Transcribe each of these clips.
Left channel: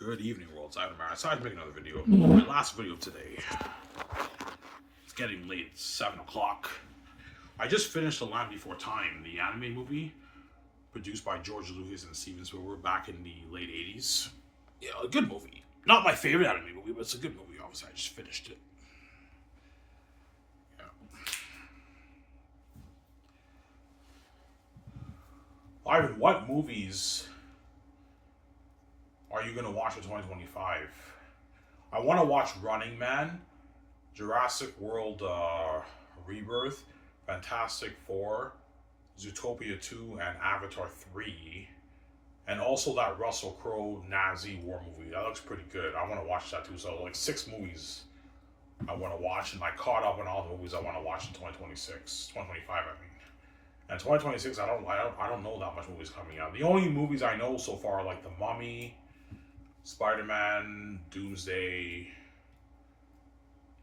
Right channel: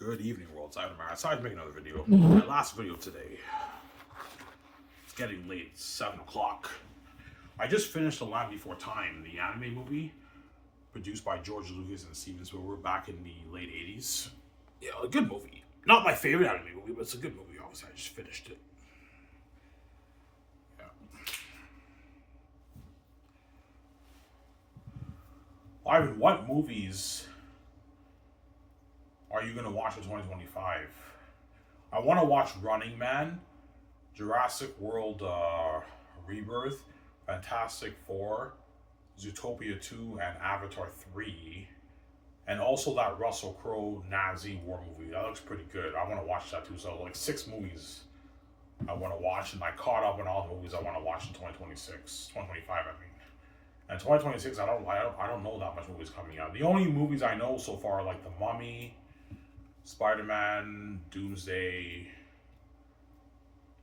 Good evening, world. I decided to make another video. My last video today. It's getting late. It's 7 o'clock. I just finished The Land Before Time, the anime movie produced by George Lucas and Steven Spielberg back in the late 80s. Yeah, a good movie. Not my favorite anime movie, but it's a good movie. Obviously, I just finished it. Yeah. Ivan, what movies are you going to watch for 2025? I want to watch Running Man, Jurassic World Rebirth, Fantastic Four, Zootopia 2, and Avatar 3. And also that Russell Crowe Nazi war movie. That looks pretty good. I want to watch that too. So like 6 movies I want to watch, and I caught up on all the movies I want to watch in 2025, I mean. And 2026, I don't know that much movies coming out. The only movies I know so far are like The Mummy, Spider-Man, Doomsday.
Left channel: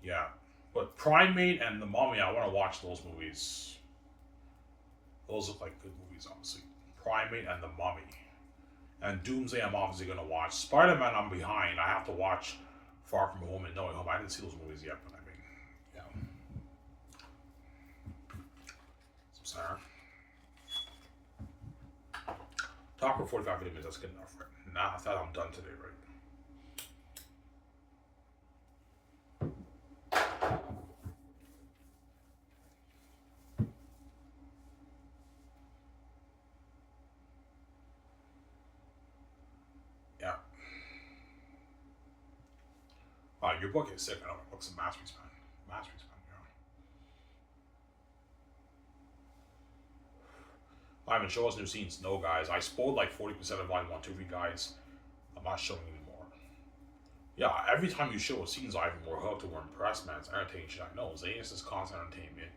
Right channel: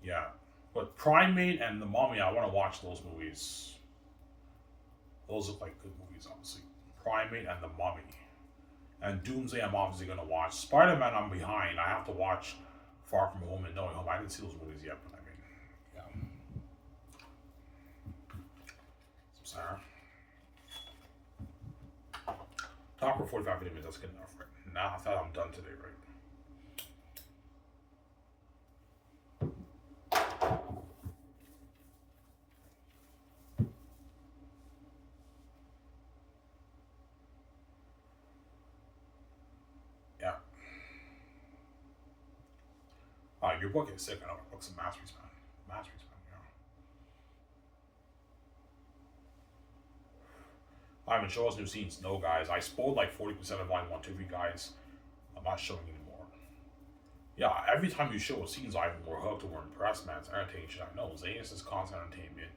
Yeah. But Primate and The Mummy, I want to watch those movies. Those look like good movies, obviously. Primate and The Mummy. And Doomsday, I'm obviously going to watch. Spider-Man, I'm behind. I have to watch Far From Home and No Way Home. I didn't see those movies yet, but I mean, yeah. Some Sarah. Talk for 45 minutes, that's good enough, right? Now I thought I'm done today, right? Yeah. Your book is sick. I know your book's a masterpiece, man. Masterpiece, man. Yeah. Ivan, show us new scenes. No, guys. I spoiled like 40% of volume 1, 2, 3 guys. I'm not showing anymore. Yeah, every time you show a scenes, Ivan, we're hooked or we're impressed, man. It's entertaining shit. I know. Xanus is constant entertainment.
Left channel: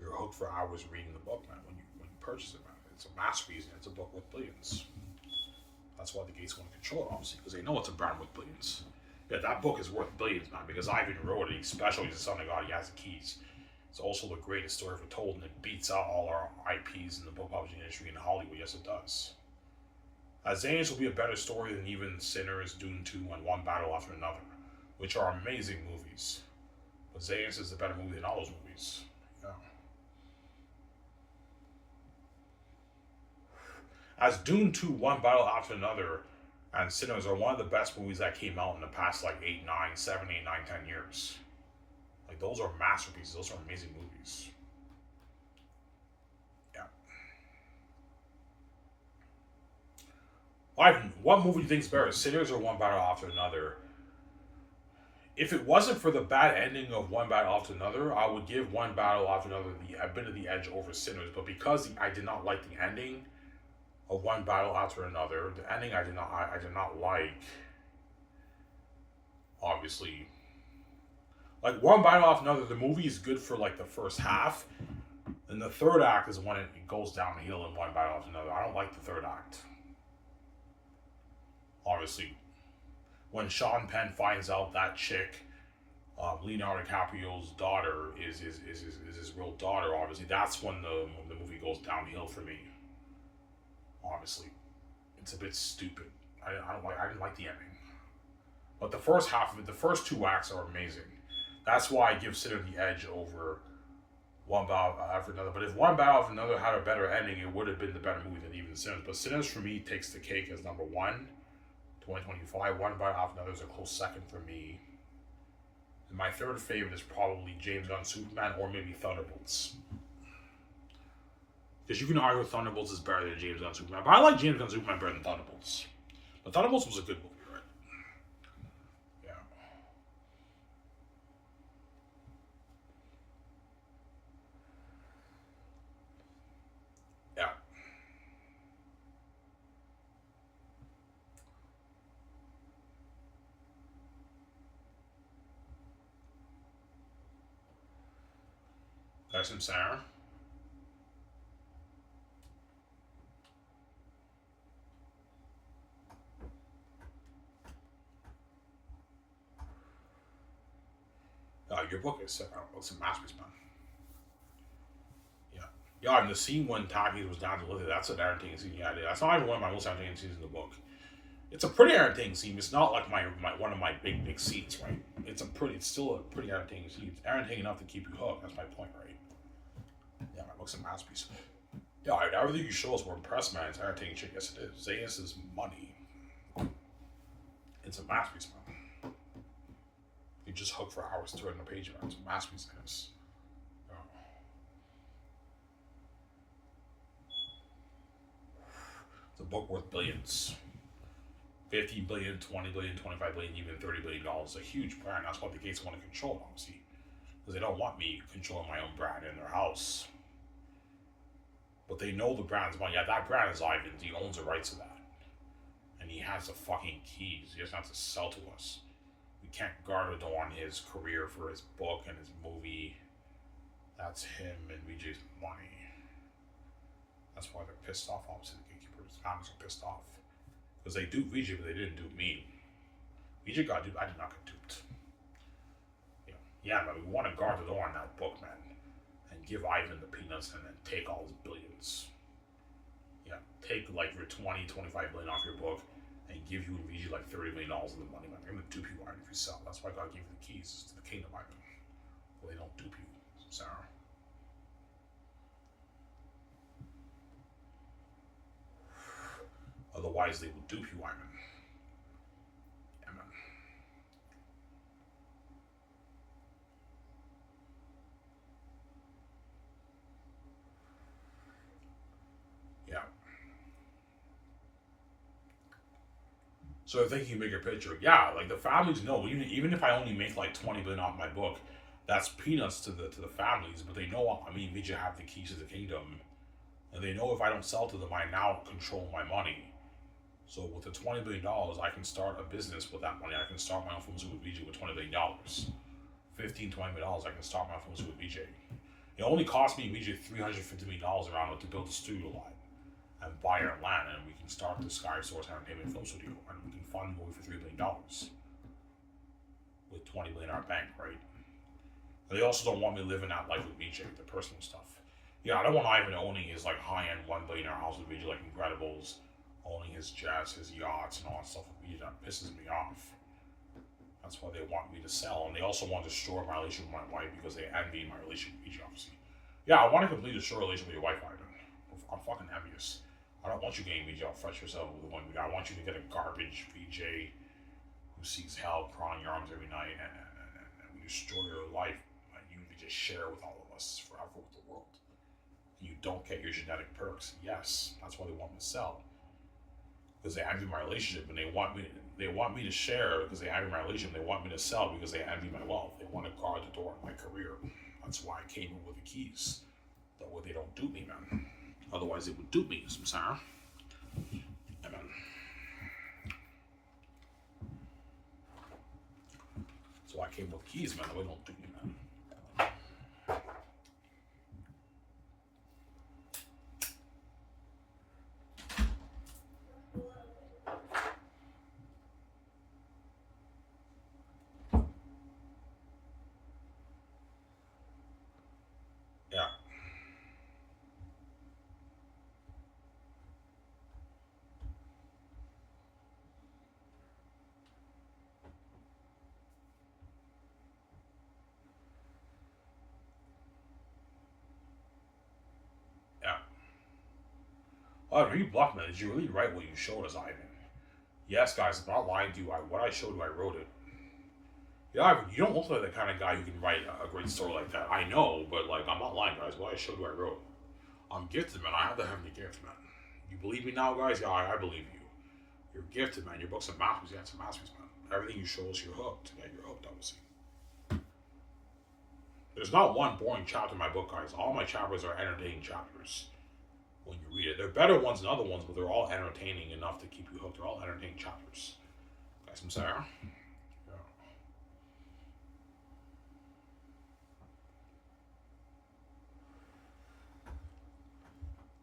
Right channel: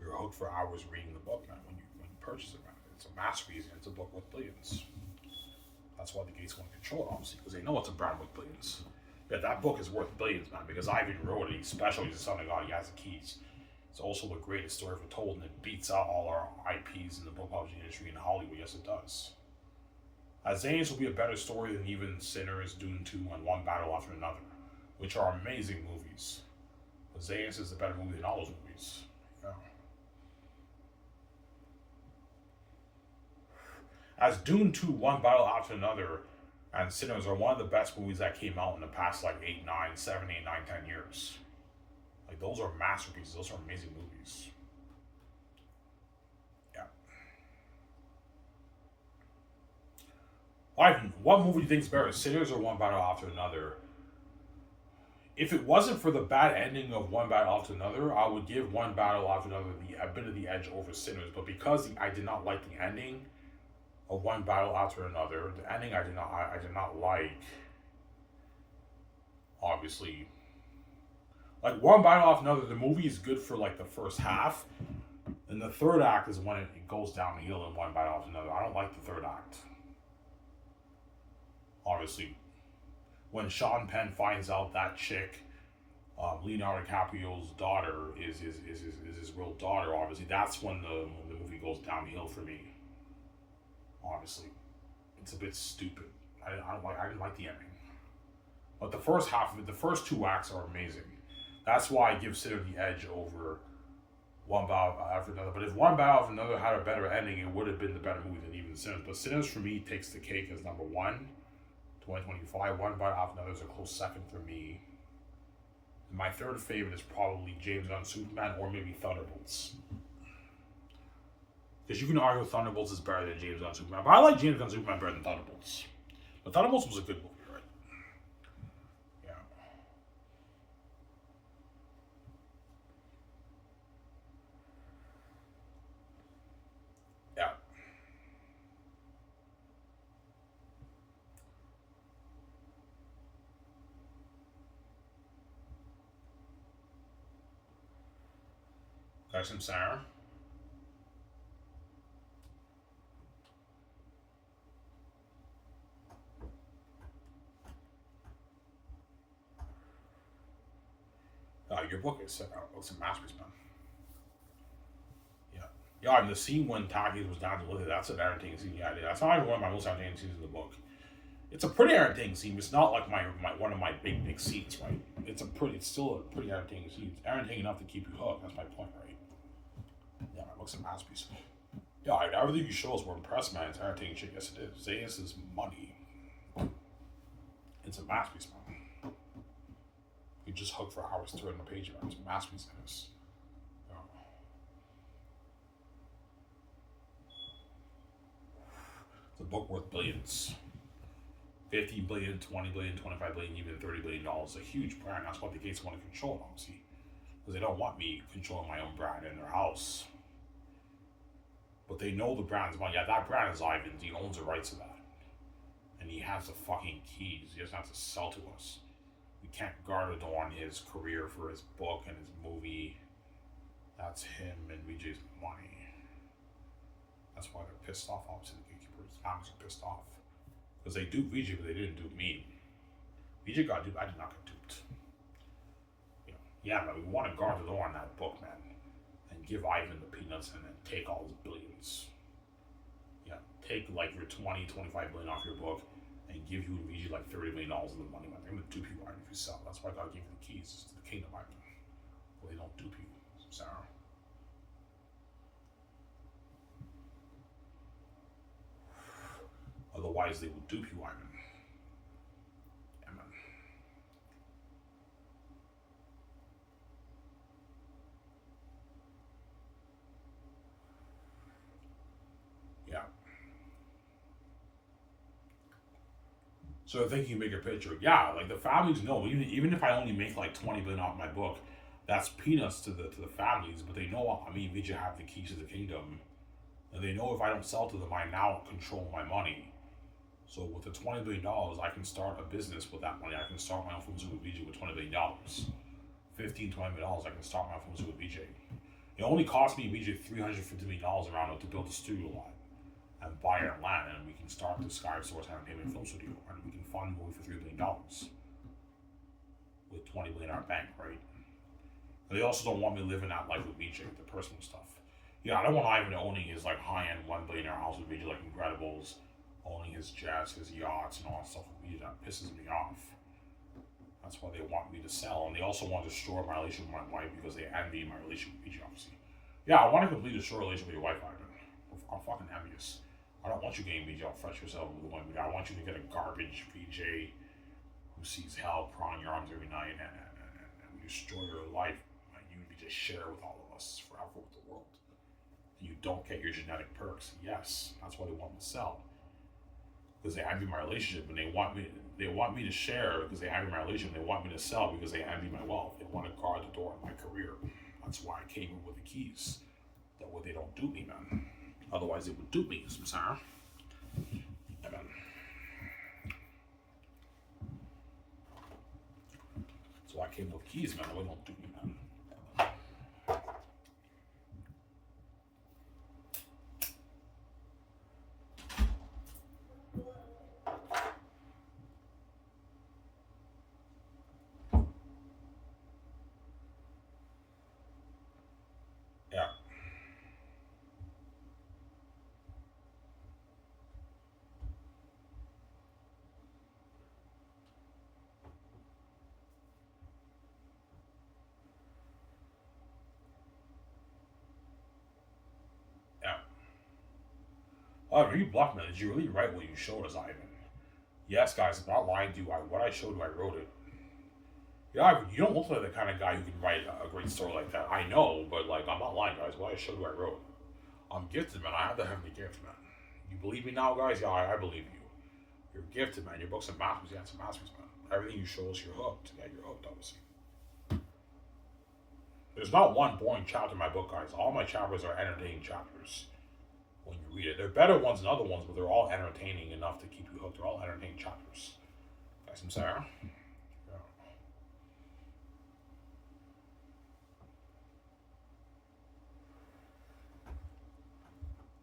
You're hooked for hours reading the book, man. When you purchase it, man. It's a masterpiece and it's a book with billions. That's why the Gates want to control it, obviously, because they know it's a brand with billions. Yeah, that book is worth billions, man, because Ivan wrote it. He's special. He's the son of God. He has the keys. It's also the greatest story ever told, and it beats out all our IPs in the book publishing industry in Hollywood. Yes, it does. Xanus will be a better story than even Sinners, Dune 2, and One Battle After Another, which are amazing movies. But Xanus is the better movie than all those movies. Yeah. As Dune 2, One Battle After Another, and Sinners are one of the best movies that came out in the past like 7, 8, 9, 10 years. Like, those are masterpieces. Those are amazing movies. Yeah. Ivan, what movie do you think is better, Sinners or One Battle After Another? If it wasn't for the bad ending of One Battle After Another, I would give One Battle After Another a bit of the edge over Sinners. But because I did not like the ending of One Battle After Another, the ending I did not like. Obviously, like One Battle After Another, the movie is good for like the first half, and the third act is when it goes downhill in One Battle After Another. I don't like the third act. Obviously, when Sean Penn finds out that chick, Leonardo DiCaprio's daughter, is his real daughter, obviously that's when the movie goes downhill for me. Obviously, it's a bit stupid. I didn't like the ending, but the first half of it, the first 2 acts are amazing. That's why I give Sinner the edge over One Battle After Another. But if One Battle After Another had a better ending, it would have been the better movie than even Sinners. But Sinners for me takes the cake as number 1, 2025. One Battle After Another is a close second for me. And my third favorite is probably James Gunn's Superman or maybe Thunderbolts. Because you can argue Thunderbolts is better than James Gunn's Superman. But I like James Gunn's Superman better than Thunderbolts. But Thunderbolts was a good movie, right? Yeah. Yeah. There's some Sarah. Your book is sick. It's a masterpiece, man. Yeah. Yeah, and the scene when Taki was down to live, that's an entertaining scene. Yeah, that's not even one of my most entertaining scenes in the book. It's a pretty entertaining scene. It's not like my one of my big scenes, right? It's still a pretty entertaining scene. It's entertaining enough to keep you hooked. That's my point, right? Yeah, my book's a masterpiece. Yeah, everything you show us, we're impressed, man. It's entertaining shit. Yes, it is. Xanus is money. It's a masterpiece, man. You just hook for hours turning the page, man. It's a masterpiece. Xanus. Yeah. It's a book worth billions. 50 billion, 20 billion, 25 billion, even $30 billion. It's a huge brand. That's why the Gates want to control it, obviously. Because they don't want me controlling my own brand in their house. But they know the brand's money. Yeah, that brand is Ivan's. He owns the rights to that. And he has the fucking keys. He doesn't have to sell to us. We can't guard it on his career for his book and his movie. That's him and VJ's money. That's why they're pissed off, obviously. The gatekeepers, comics are pissed off. Because they duped VJ, but they didn't dupe me. VJ got duped. I did not get duped. Yeah, but we want to guard the door on that book, man. And give Ivan the peanuts and then take all his billions. Yeah, take like your 20, 25 billion off your book and give you and VJ like $30 million of the money, man. They're going to dupe you, Ivan, if you sell. That's why God gave you the keys to the kingdom, Ivan. Well, they don't dupe you, Sarah. Otherwise, they will dupe you, Ivan. Yeah, man. Yeah. So thinking bigger picture, yeah, like the families know. Even if I only make like 20 billion off my book, that's peanuts to the families. But they know, I mean, VJ have the keys to the kingdom, and they know if I don't sell to them, I now control my money. So with the $20 billion, I can start a business with that money. I can start my own pharmaceutical with VJ with $20 billion. $15, $20 million, I can start my own pharmaceutical with VJ. It only cost me VJ $350 million around it to build a studio line and buy our land, and we can start the Sky Source Entertainment Film Studio, and we can fund a movie for $3 billion with $20 billion in our bank, right? And they also don't want me living that life with VJ, the personal stuff. Yeah, I don't want Ivan owning his like high-end $1 billion house with VJ, like Incredibles, owning his jets, his yachts, and all that stuff with VJ. That pisses me off. That's why they want me to sell, and they also want to destroy my relationship with my wife because they envy my relationship with VJ, obviously. Yeah, I want to completely destroy a relationship with your wife, Ivan. I'm fucking envious. I don't want you getting VJ all fresh yourself with one guy. I want you to get a garbage VJ who sees hell crawling in your arms every night and we destroy your life and you just share with all of us forever with the world. You don't get your genetic perks. Yes, that's why they want me to sell. Because they envy my relationship and they want me to share because they envy my relationship. They want me to sell because they envy my wealth. They want to guard the door in my career. That's why I came in with the keys. That way they don't dupe me, man. Otherwise they would dupe me, Sarah. Yeah, man. So I came with keys, man. That way don't dupe me, man. Yeah. Yeah. Oh, you bluff, man. Did you really write what you showed us, Ivan? Yes, guys, I'm not lying to you. What I showed you, I wrote it. Yeah, Ivan, you don't look like the kind of guy who can write a great story like that. I know, but like, I'm not lying, guys. What I showed you, I wrote. I'm gifted, man. I have the heavenly gift, man. You believe me now, guys? Yeah, I believe you. You're gifted, man. Your book's a masterpiece. Yeah, it's a masterpiece, man. Everything you show us, you're hooked. Yeah, you're hooked, obviously. There's not one boring chapter in my book, guys. All my chapters are entertaining chapters when you read it. They're better ones than other ones, but they're all entertaining enough to keep you hooked. They're all entertaining chapters. Guys, I'm sorry. Yeah.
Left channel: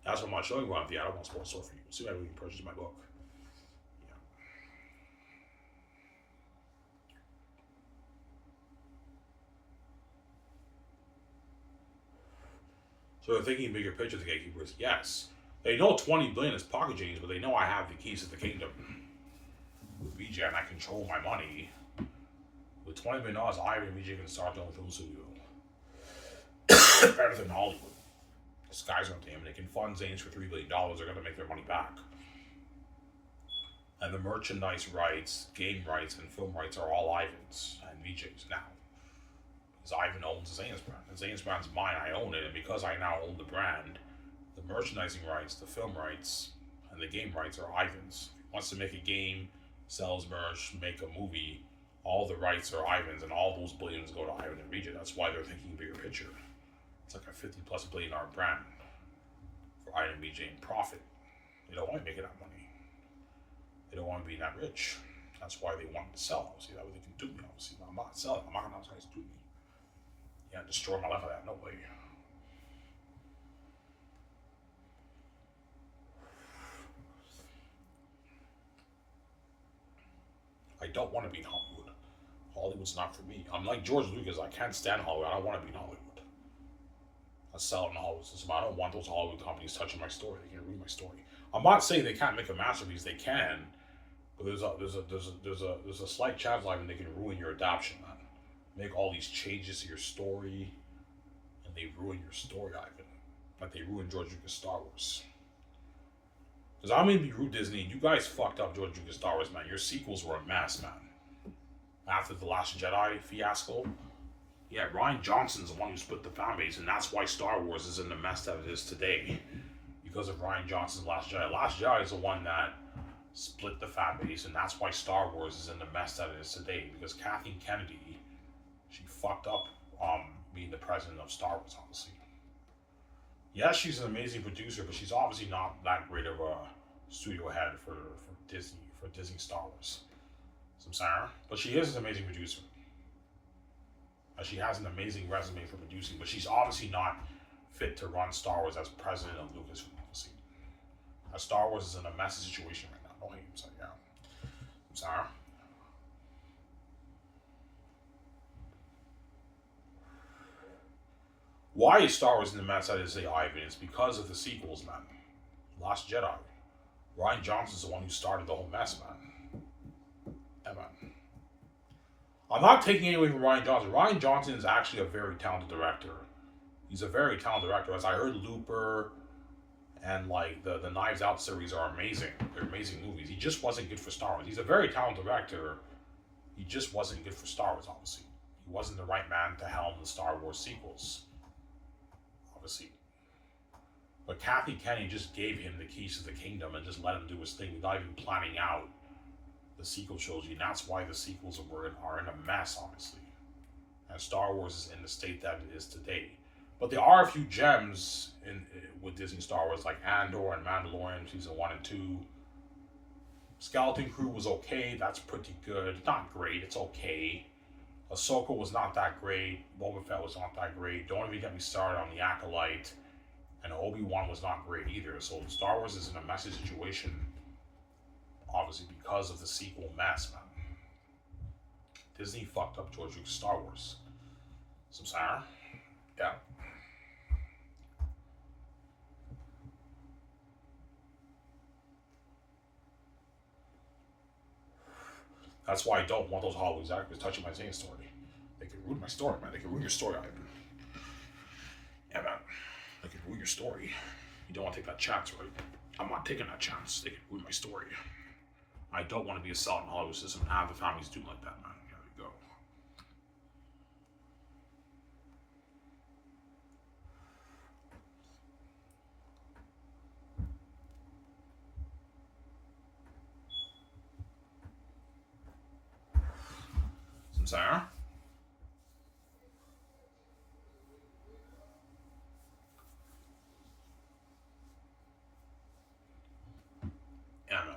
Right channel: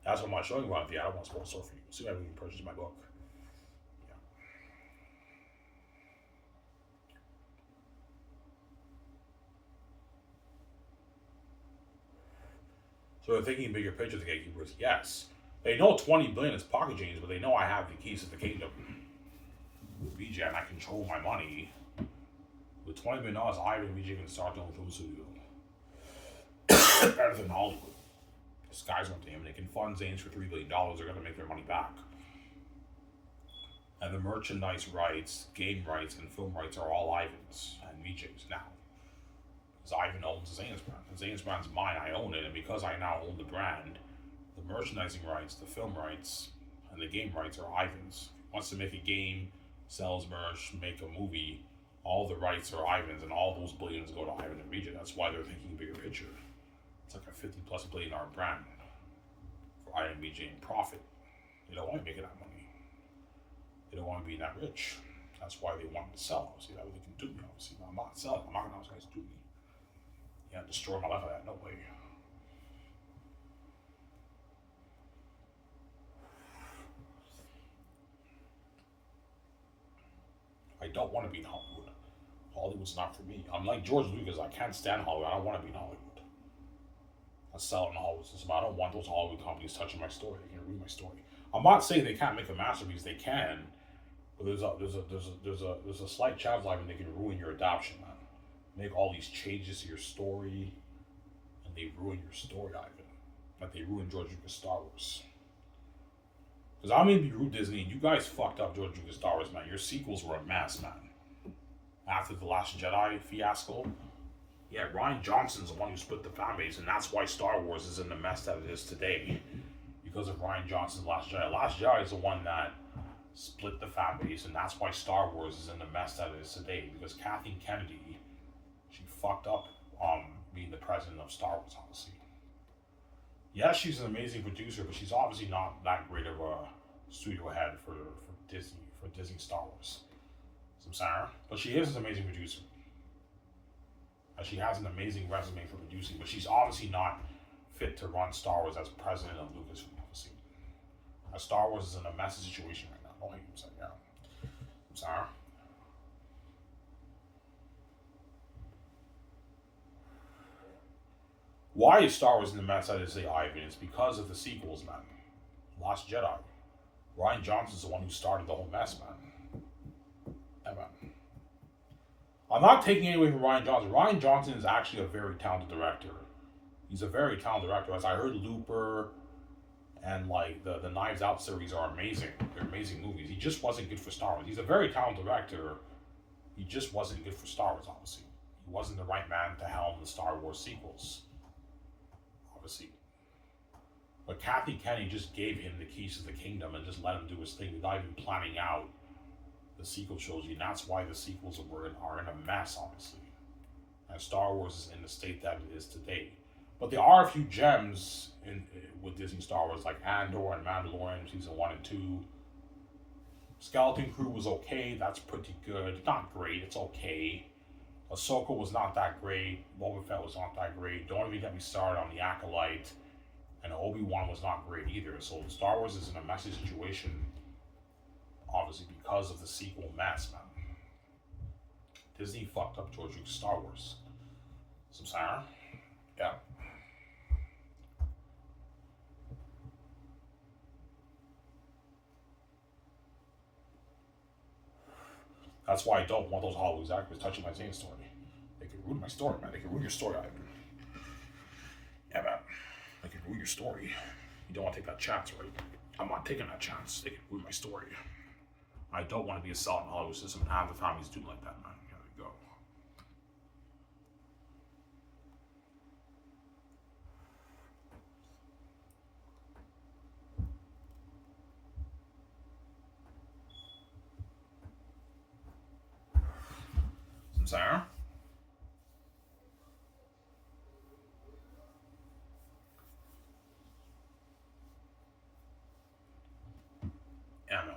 That's what I'm not showing you around the I don't want to spoil the story for you. See how you can purchase my book. Yeah. So they're thinking bigger picture, the gatekeepers. Yes. They know 20 billion is pocket change, but they know I have the keys to the kingdom. VJ and I control my money, with $20 million, Ivan and VJ can start their own film studio. Better than Hollywood. The sky's gonna them. They can fund Xanus for $3 billion. They're gonna make their money back. And the merchandise rights, game rights, and film rights are all Ivan's and VJ's now. Because Ivan owns the Xanus brand. The Xanus brand's mine, I own it, and because I now own the brand, the merchandising rights, the film rights, and the game rights are Ivan's. If he wants to make a game, sells merch, make a movie, all the rights are Ivan's, and all those billions go to Ivan and VJ. That's why they're thinking bigger picture. It's like a $50+ billion brand for Ivan and VJ in profit. They don't want to make that money. They don't want to be that rich. That's why they want to sell. Obviously, that way they can do me. Obviously, I'm not selling. I'm not gonna have guys do me. Yeah, destroy my life like that. No way. I don't want to be in Hollywood. Hollywood's not for me. I'm like George Lucas. I can't stand Hollywood. I don't want to be in Hollywood. I sell it in Hollywood system. I don't want those Hollywood companies touching my story. They can ruin my story. I'm not saying they can't make a masterpiece. They can, but there's a slight chance live and they can ruin your adoption, man. Make all these changes to your story, and they ruin your story, Ivan. Like they ruined George Lucas Star Wars. Because I'm gonna be rude, Disney, and you guys fucked up George Lucas Star Wars, man. Your sequels were a mess, man. After The Last Jedi fiasco, yeah, Rian Johnson's the one who split the fan base, and that's why Star Wars is in the mess that it is today. Because of Rian Johnson's Last Jedi. Last Jedi is the one that split the fan base, and that's why Star Wars is in the mess that it is today. Because Kathleen Kennedy, she fucked up being the president of Star Wars, obviously. Yes, she's an amazing producer, but she's obviously not that great of a studio head for Disney Star Wars. So I'm sorry, but she is an amazing producer. She has an amazing resume for producing, but she's obviously not fit to run Star Wars as president of Lucasfilm. Obviously, Star Wars is in a messy situation right now. Don't hate him, yeah. I'm sorry. Why is Star Wars in the mess that is, say, Ivan? It's because of the sequels, man. Last Jedi. Rian Johnson's the one who started the whole mess, man. Yeah, man. I'm not taking anything away from Rian Johnson. Rian Johnson is actually a very talented director. He's a very talented director. As I heard, Looper and like the Knives Out series are amazing. They're amazing movies. He just wasn't good for Star Wars. He's a very talented director. He just wasn't good for Star Wars, obviously. He wasn't the right man to helm the Star Wars sequels. Obviously. But Kathy Kennedy just gave him the keys to the kingdom and just let him do his thing without even planning out the sequel trilogy. And that's why the sequels are in a mess, obviously. And Star Wars is in the state that it is today. But there are a few gems with Disney Star Wars, like Andor and Mandalorian season 1 and 2. Skeleton Crew was okay. That's pretty good. Not great. It's okay. Ahsoka was not that great. Boba Fett was not that great. Don't even get me started on the Acolyte. And Obi-Wan was not great either. So Star Wars is in a messy situation, obviously, because of the sequel mess, man. Disney fucked up George Lucas Star Wars. Some sour? Yeah. That's why I don't want those Hollywood executives touching my Xanus story. They can ruin my story, man. They can ruin your story, Ivan. Yeah, man. They can ruin your story. You don't want to take that chance, right? I'm not taking that chance. They can ruin my story. I don't want to be a sell in the Hollywood system and have the families do like that, man. There you go. Some sour? Yeah, man.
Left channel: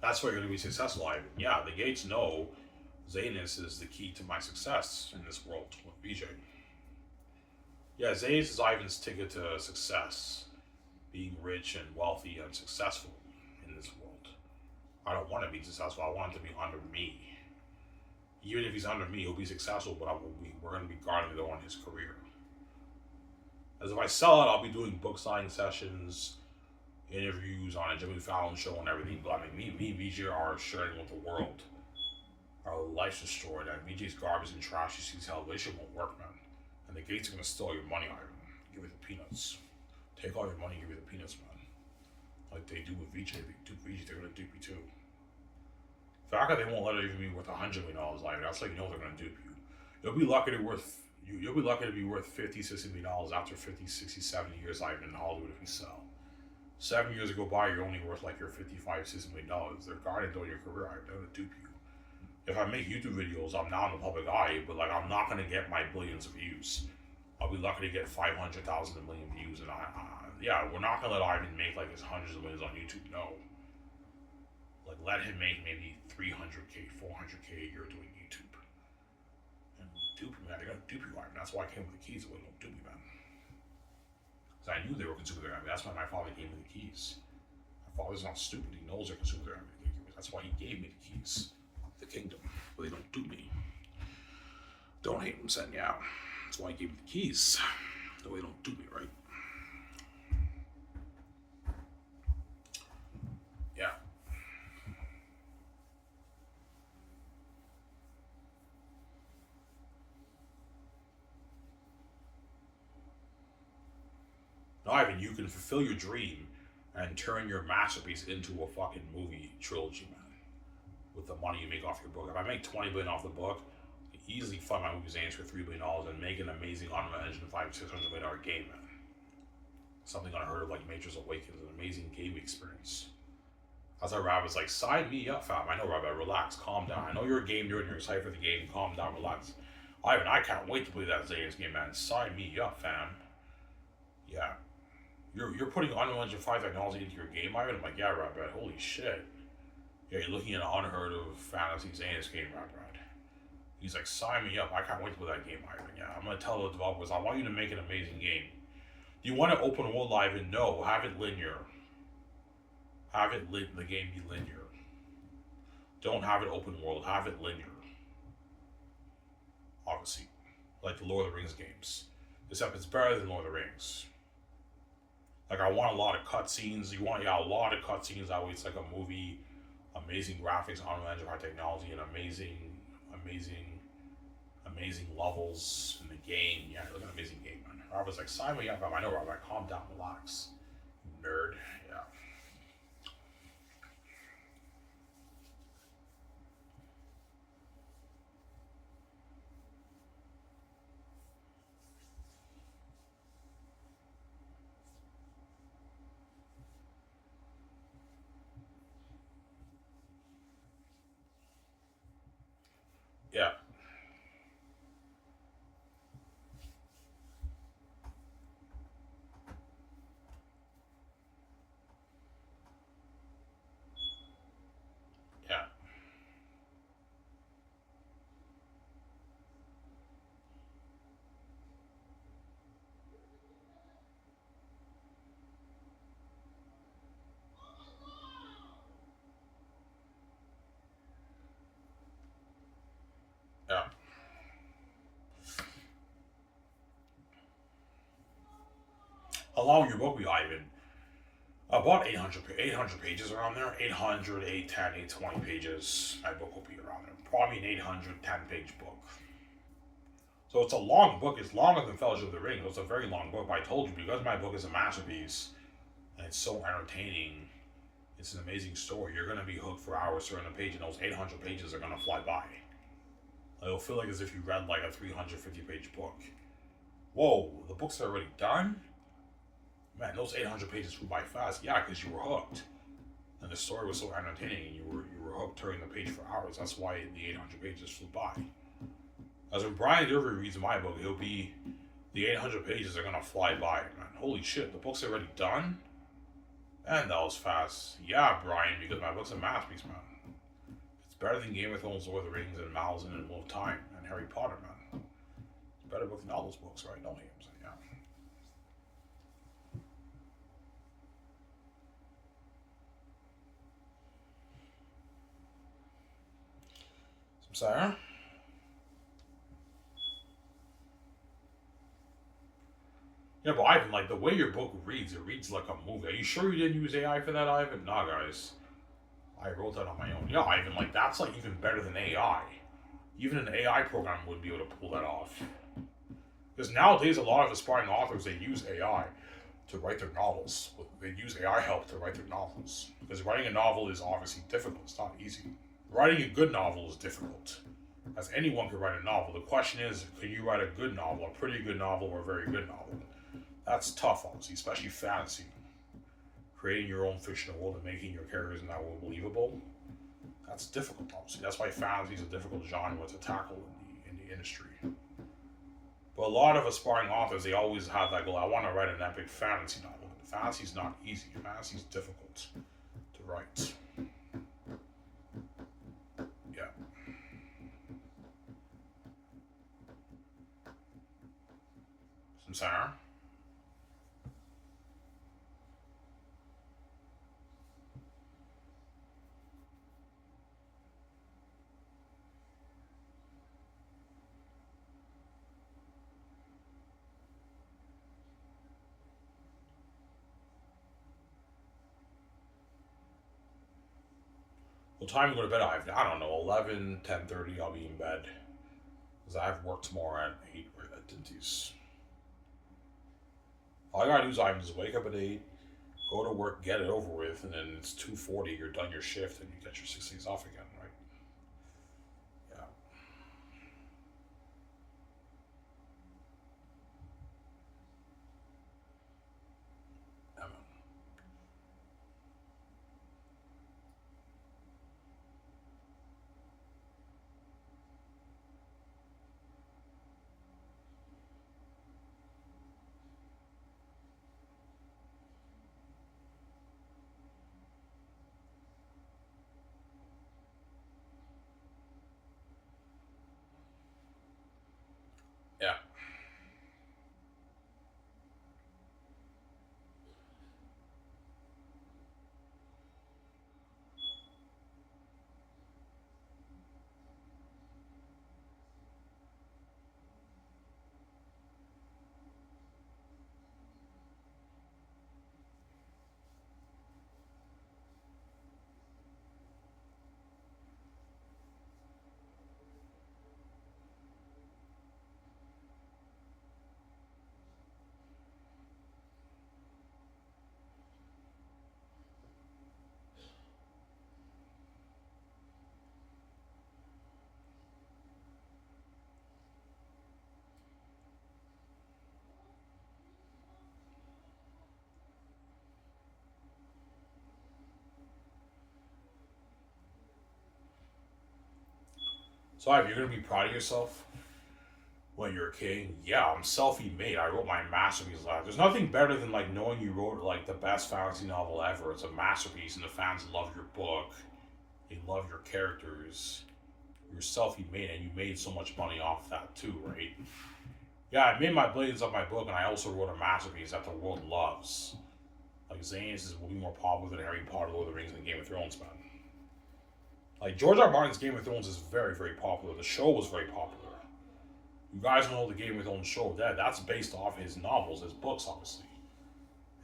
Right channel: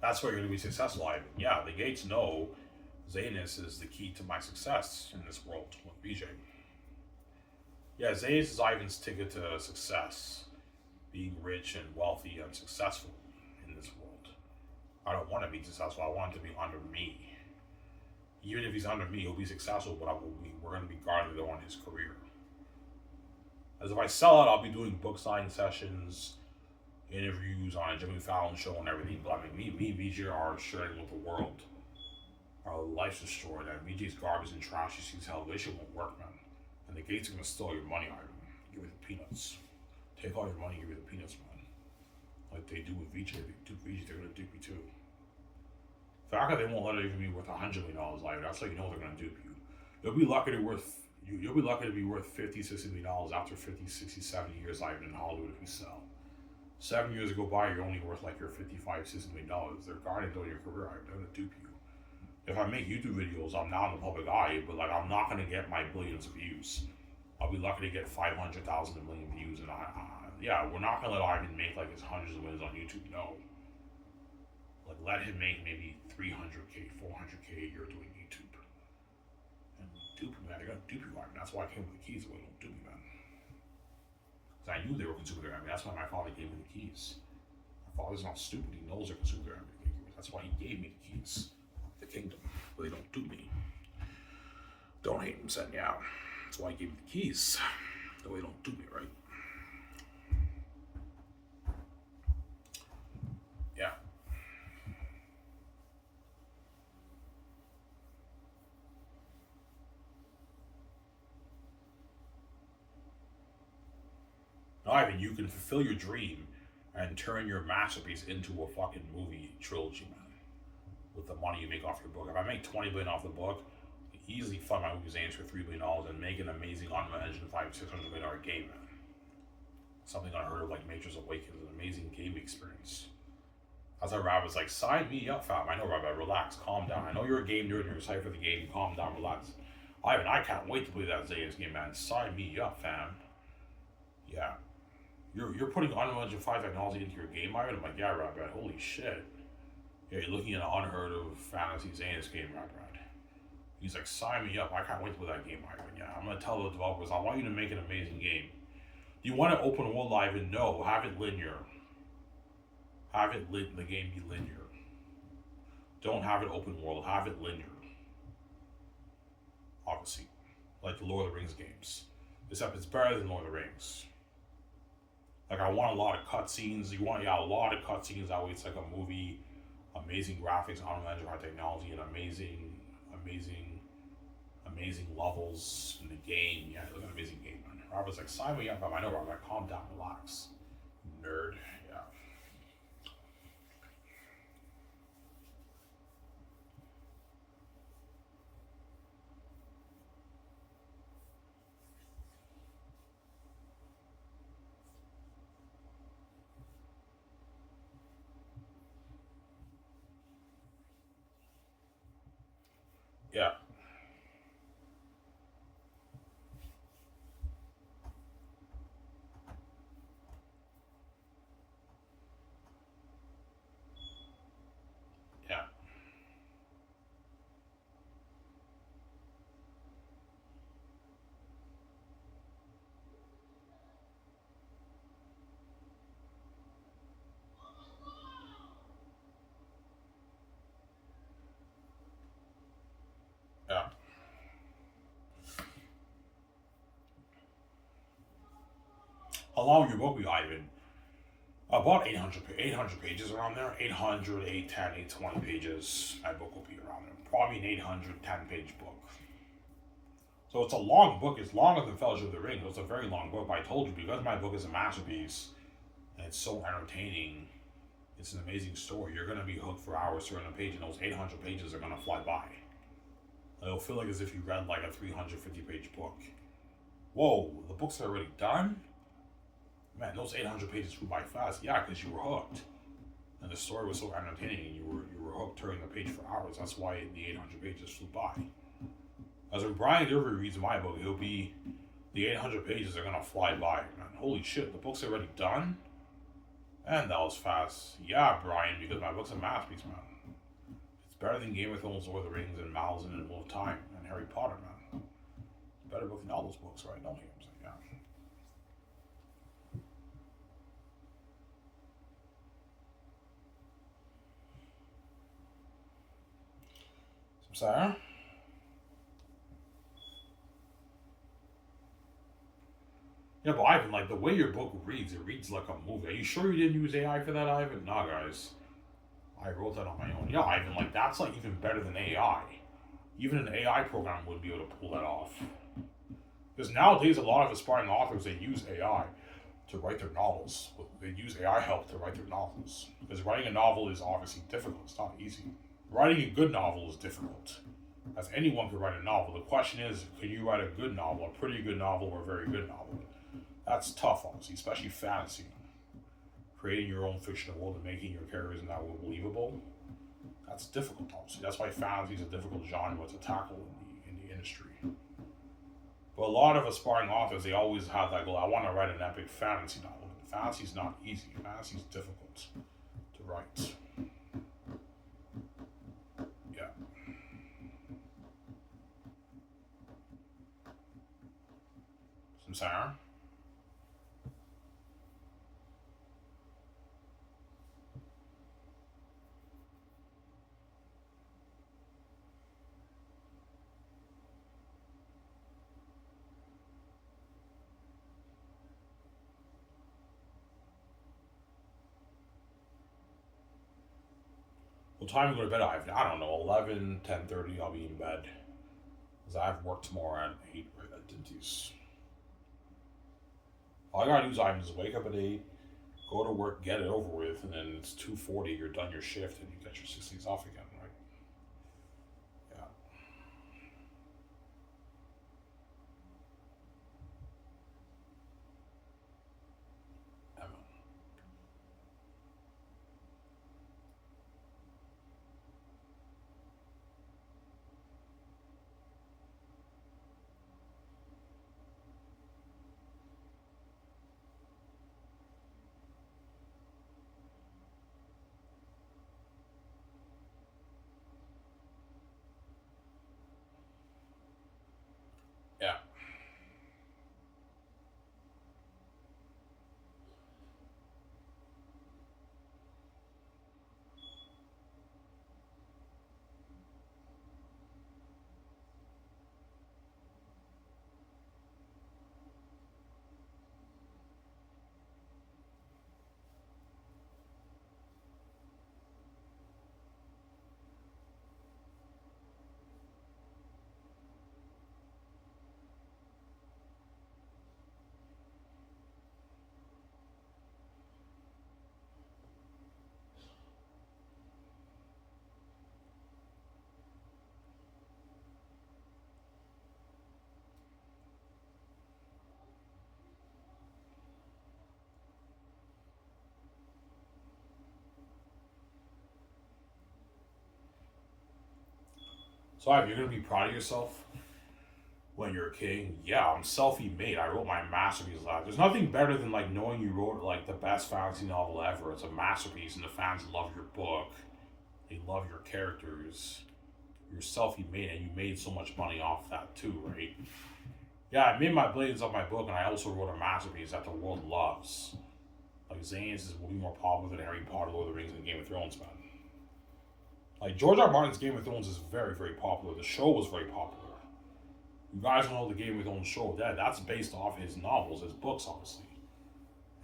That's why you're going to be successful, Ivan. Yeah, the Gates know Xanus is the key to my success in this world with BJ. Yeah, Xanus is Ivan's ticket to success, being rich and wealthy and successful in this world. I don't want to be successful. I want him to be under me. Even if he's under me, he'll be successful, but we're going to be guarding on his career. As if I sell it, I'll be doing book signing sessions, interviews on a Jimmy Fallon show and everything. But I mean, me and VJ are sharing with the world. Our life's destroyed, and VJ's garbage and trash. He sees how relationship won't work, man. And the Gates are going to steal your money, Ivan. Give you the peanuts. Take all your money, give you the peanuts, man. Like they do with VJ. They do VJ, they're going to dupe you too. The fact that they won't let it even be worth $100 million, like that's like, you know, they're going to dupe you. You'll be lucky to be worth $50, $60 million after 50, 60, 70 years, Ivan, in Hollywood if you sell. 7 years go by, you're only worth like your $55, $60 million. They're guarding though your career, Ivan. They're going to dupe you. If I make YouTube videos, I'm now in the public eye, but like I'm not going to get my billions of views. I'll be lucky to get 500,000 a million views, and yeah, we're not going to let Ivan make like his hundreds of millions on YouTube. No. Like let him make maybe 300K, 400K a year doing YouTube. And dupe him, man. They're going to dupe you, Ivan. That's why I came with the keys. They don't dupe me, man. Because I knew they were consuming their enemy. That's why my father gave me the keys. My father's not stupid. He knows they're consuming their enemy. That's why he gave me the keys. The kingdom, but they don't do me. Don't hate him, send you out. That's why I gave him the keys. So they don't do me, right? Yeah. Now, Ivan, you can fulfill your dream and turn your masterpiece into a fucking movie trilogy, man. With the money you make off your book. If I make $20 billion off the book, I can easily fund my movie Xanus for $3 billion and make an amazing Unreal Engine $500-600 million game, man. Something unheard of like Matrix Awakens, an amazing game experience. As our rabbit's like, sign me up, fam. I know, Rabbit, relax, calm down. I know you're a game nerd and you're excited for the game. Calm down, relax. Ivan, I can't wait to play that Xanus game, man. Sign me up, fam. Yeah. You're putting Unreal Engine 5 technology into your game, Ivan? I'm like, yeah, Rabbit, holy shit. Yeah, you're looking at an unheard of fantasy Xanus game, right? He's like, sign me up. I can't wait to play that game, Ivan. Yeah, I'm going to tell the developers, I want you to make an amazing game. Do you want to open world live? And no, have it linear. Have it the game be linear. Don't have it open world. Have it linear. Obviously. Like the Lord of the Rings games. Except it's better than Lord of the Rings. Like, I want a lot of cutscenes. You want, a lot of cutscenes. That way it's like a movie. Amazing graphics, Unreal Engine high technology, and amazing levels in the game. Yeah, look at an amazing game, man. Robert's like, sign me up. I know, Robert. Calm down, relax, nerd. Yeah. Yeah. Yeah. Yeah. How long will your book be, Ivan? About 800 pages around there. 800, 810, 820 pages. My book will be around there. Probably an 810 page book. So it's a long book. It's longer than Fellowship of the Ring. It's a very long book. But I told you, because my book is a masterpiece and it's so entertaining, it's an amazing story. You're going to be hooked for hours turning a page, and those 800 pages are going to fly by. It'll feel like as if you read like a 350 page book. Whoa, the book's already done? Man, those 800 pages flew by fast. Yeah, because you were hooked. And the story was so entertaining, and you were hooked turning the page for hours. That's why the 800 pages flew by. As when Brian Derby reads my book, it'll be, the 800 pages are going to fly by, man. Holy shit, the book's already done? And that was fast. Yeah, Brian, because my book's a masterpiece, man. It's better than Game of Thrones, Lord of the Rings, and Malzahn and Wheel of Time, and Harry Potter, man. It's a better book than all those books, right? No names, yeah. Sorry? Yeah, but Ivan, like the way your book reads, it reads like a movie. Are you sure you didn't use AI for that, Ivan? Nah, guys. I wrote that on my own. Yeah, Ivan, like that's like even better than AI. Even an AI program would be able to pull that off. Because nowadays, a lot of aspiring authors they use AI to write their novels. They use AI help to write their novels. Because writing a novel is obviously difficult. It's not easy. Writing a good novel is difficult. As anyone can write a novel. The question is, can you write a good novel, a pretty good novel, or a very good novel? That's tough, obviously, especially fantasy. Creating your own fictional world and making your characters in that world believable. That's difficult, obviously. That's why fantasy is a difficult genre to tackle in the industry. But a lot of aspiring authors, they always have that goal. I want to write an epic fantasy novel. But fantasy is not easy. Fantasy is difficult to write. Yeah. Samsara? Well, time to go to bed, I don't know, 11, 10:30, I'll be in bed. Because I have work tomorrow at 8 right at Dinty's. All I gotta do is I just wake up at 8, go to work, get it over with, and then it's 2:40, you're done your shift, and you get your 6 days off again, right? Yeah. Yeah, man. Yeah. So, Ivan, you're gonna be proud of yourself when you're a king. Yeah, I'm self-made. I wrote my masterpiece last. There's nothing better than like knowing you wrote like the best fantasy novel ever. It's a masterpiece, and the fans love your book. They love your characters. You're self-made, and you made so much money off that too, right? Yeah, I made my billions off my book, and I also wrote a masterpiece that the world loves. Like Xanus will be more popular than Harry Potter, Lord of the Rings, and Game of Thrones, man. Like George R. R. Martin's Game of Thrones is very, very popular. The show was very popular. You guys know the Game of Thrones show. That's based off his novels, his books, obviously.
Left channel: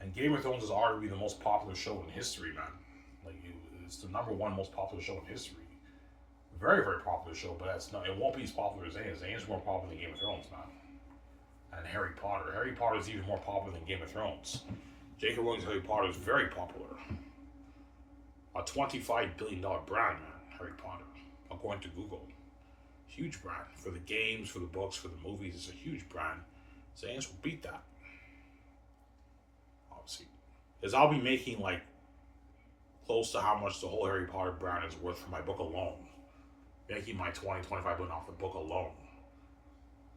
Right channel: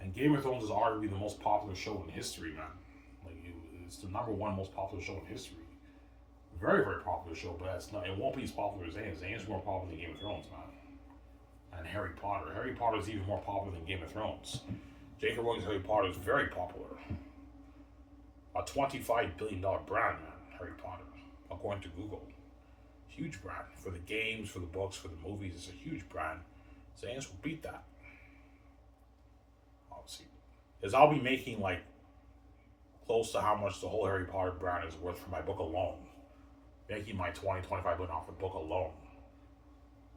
And Game of Thrones is arguably the most popular show in history, man. Like it's the number one most popular show in history. Very, very popular show, but it's not. It won't be as popular as Zane's. Zane's more popular than Game of Thrones, man. And Harry Potter. Harry Potter is even more popular than Game of Thrones. J.K. Rowling's Harry Potter is very popular. A $25 billion brand, man. Harry Potter, according to Google. Huge brand for the games, for the books, for the movies. It's a huge brand. Zane's will beat that, obviously, because I'll be making like close to how much the whole Harry Potter brand is worth for my book alone. Making my 25 billion off the book alone,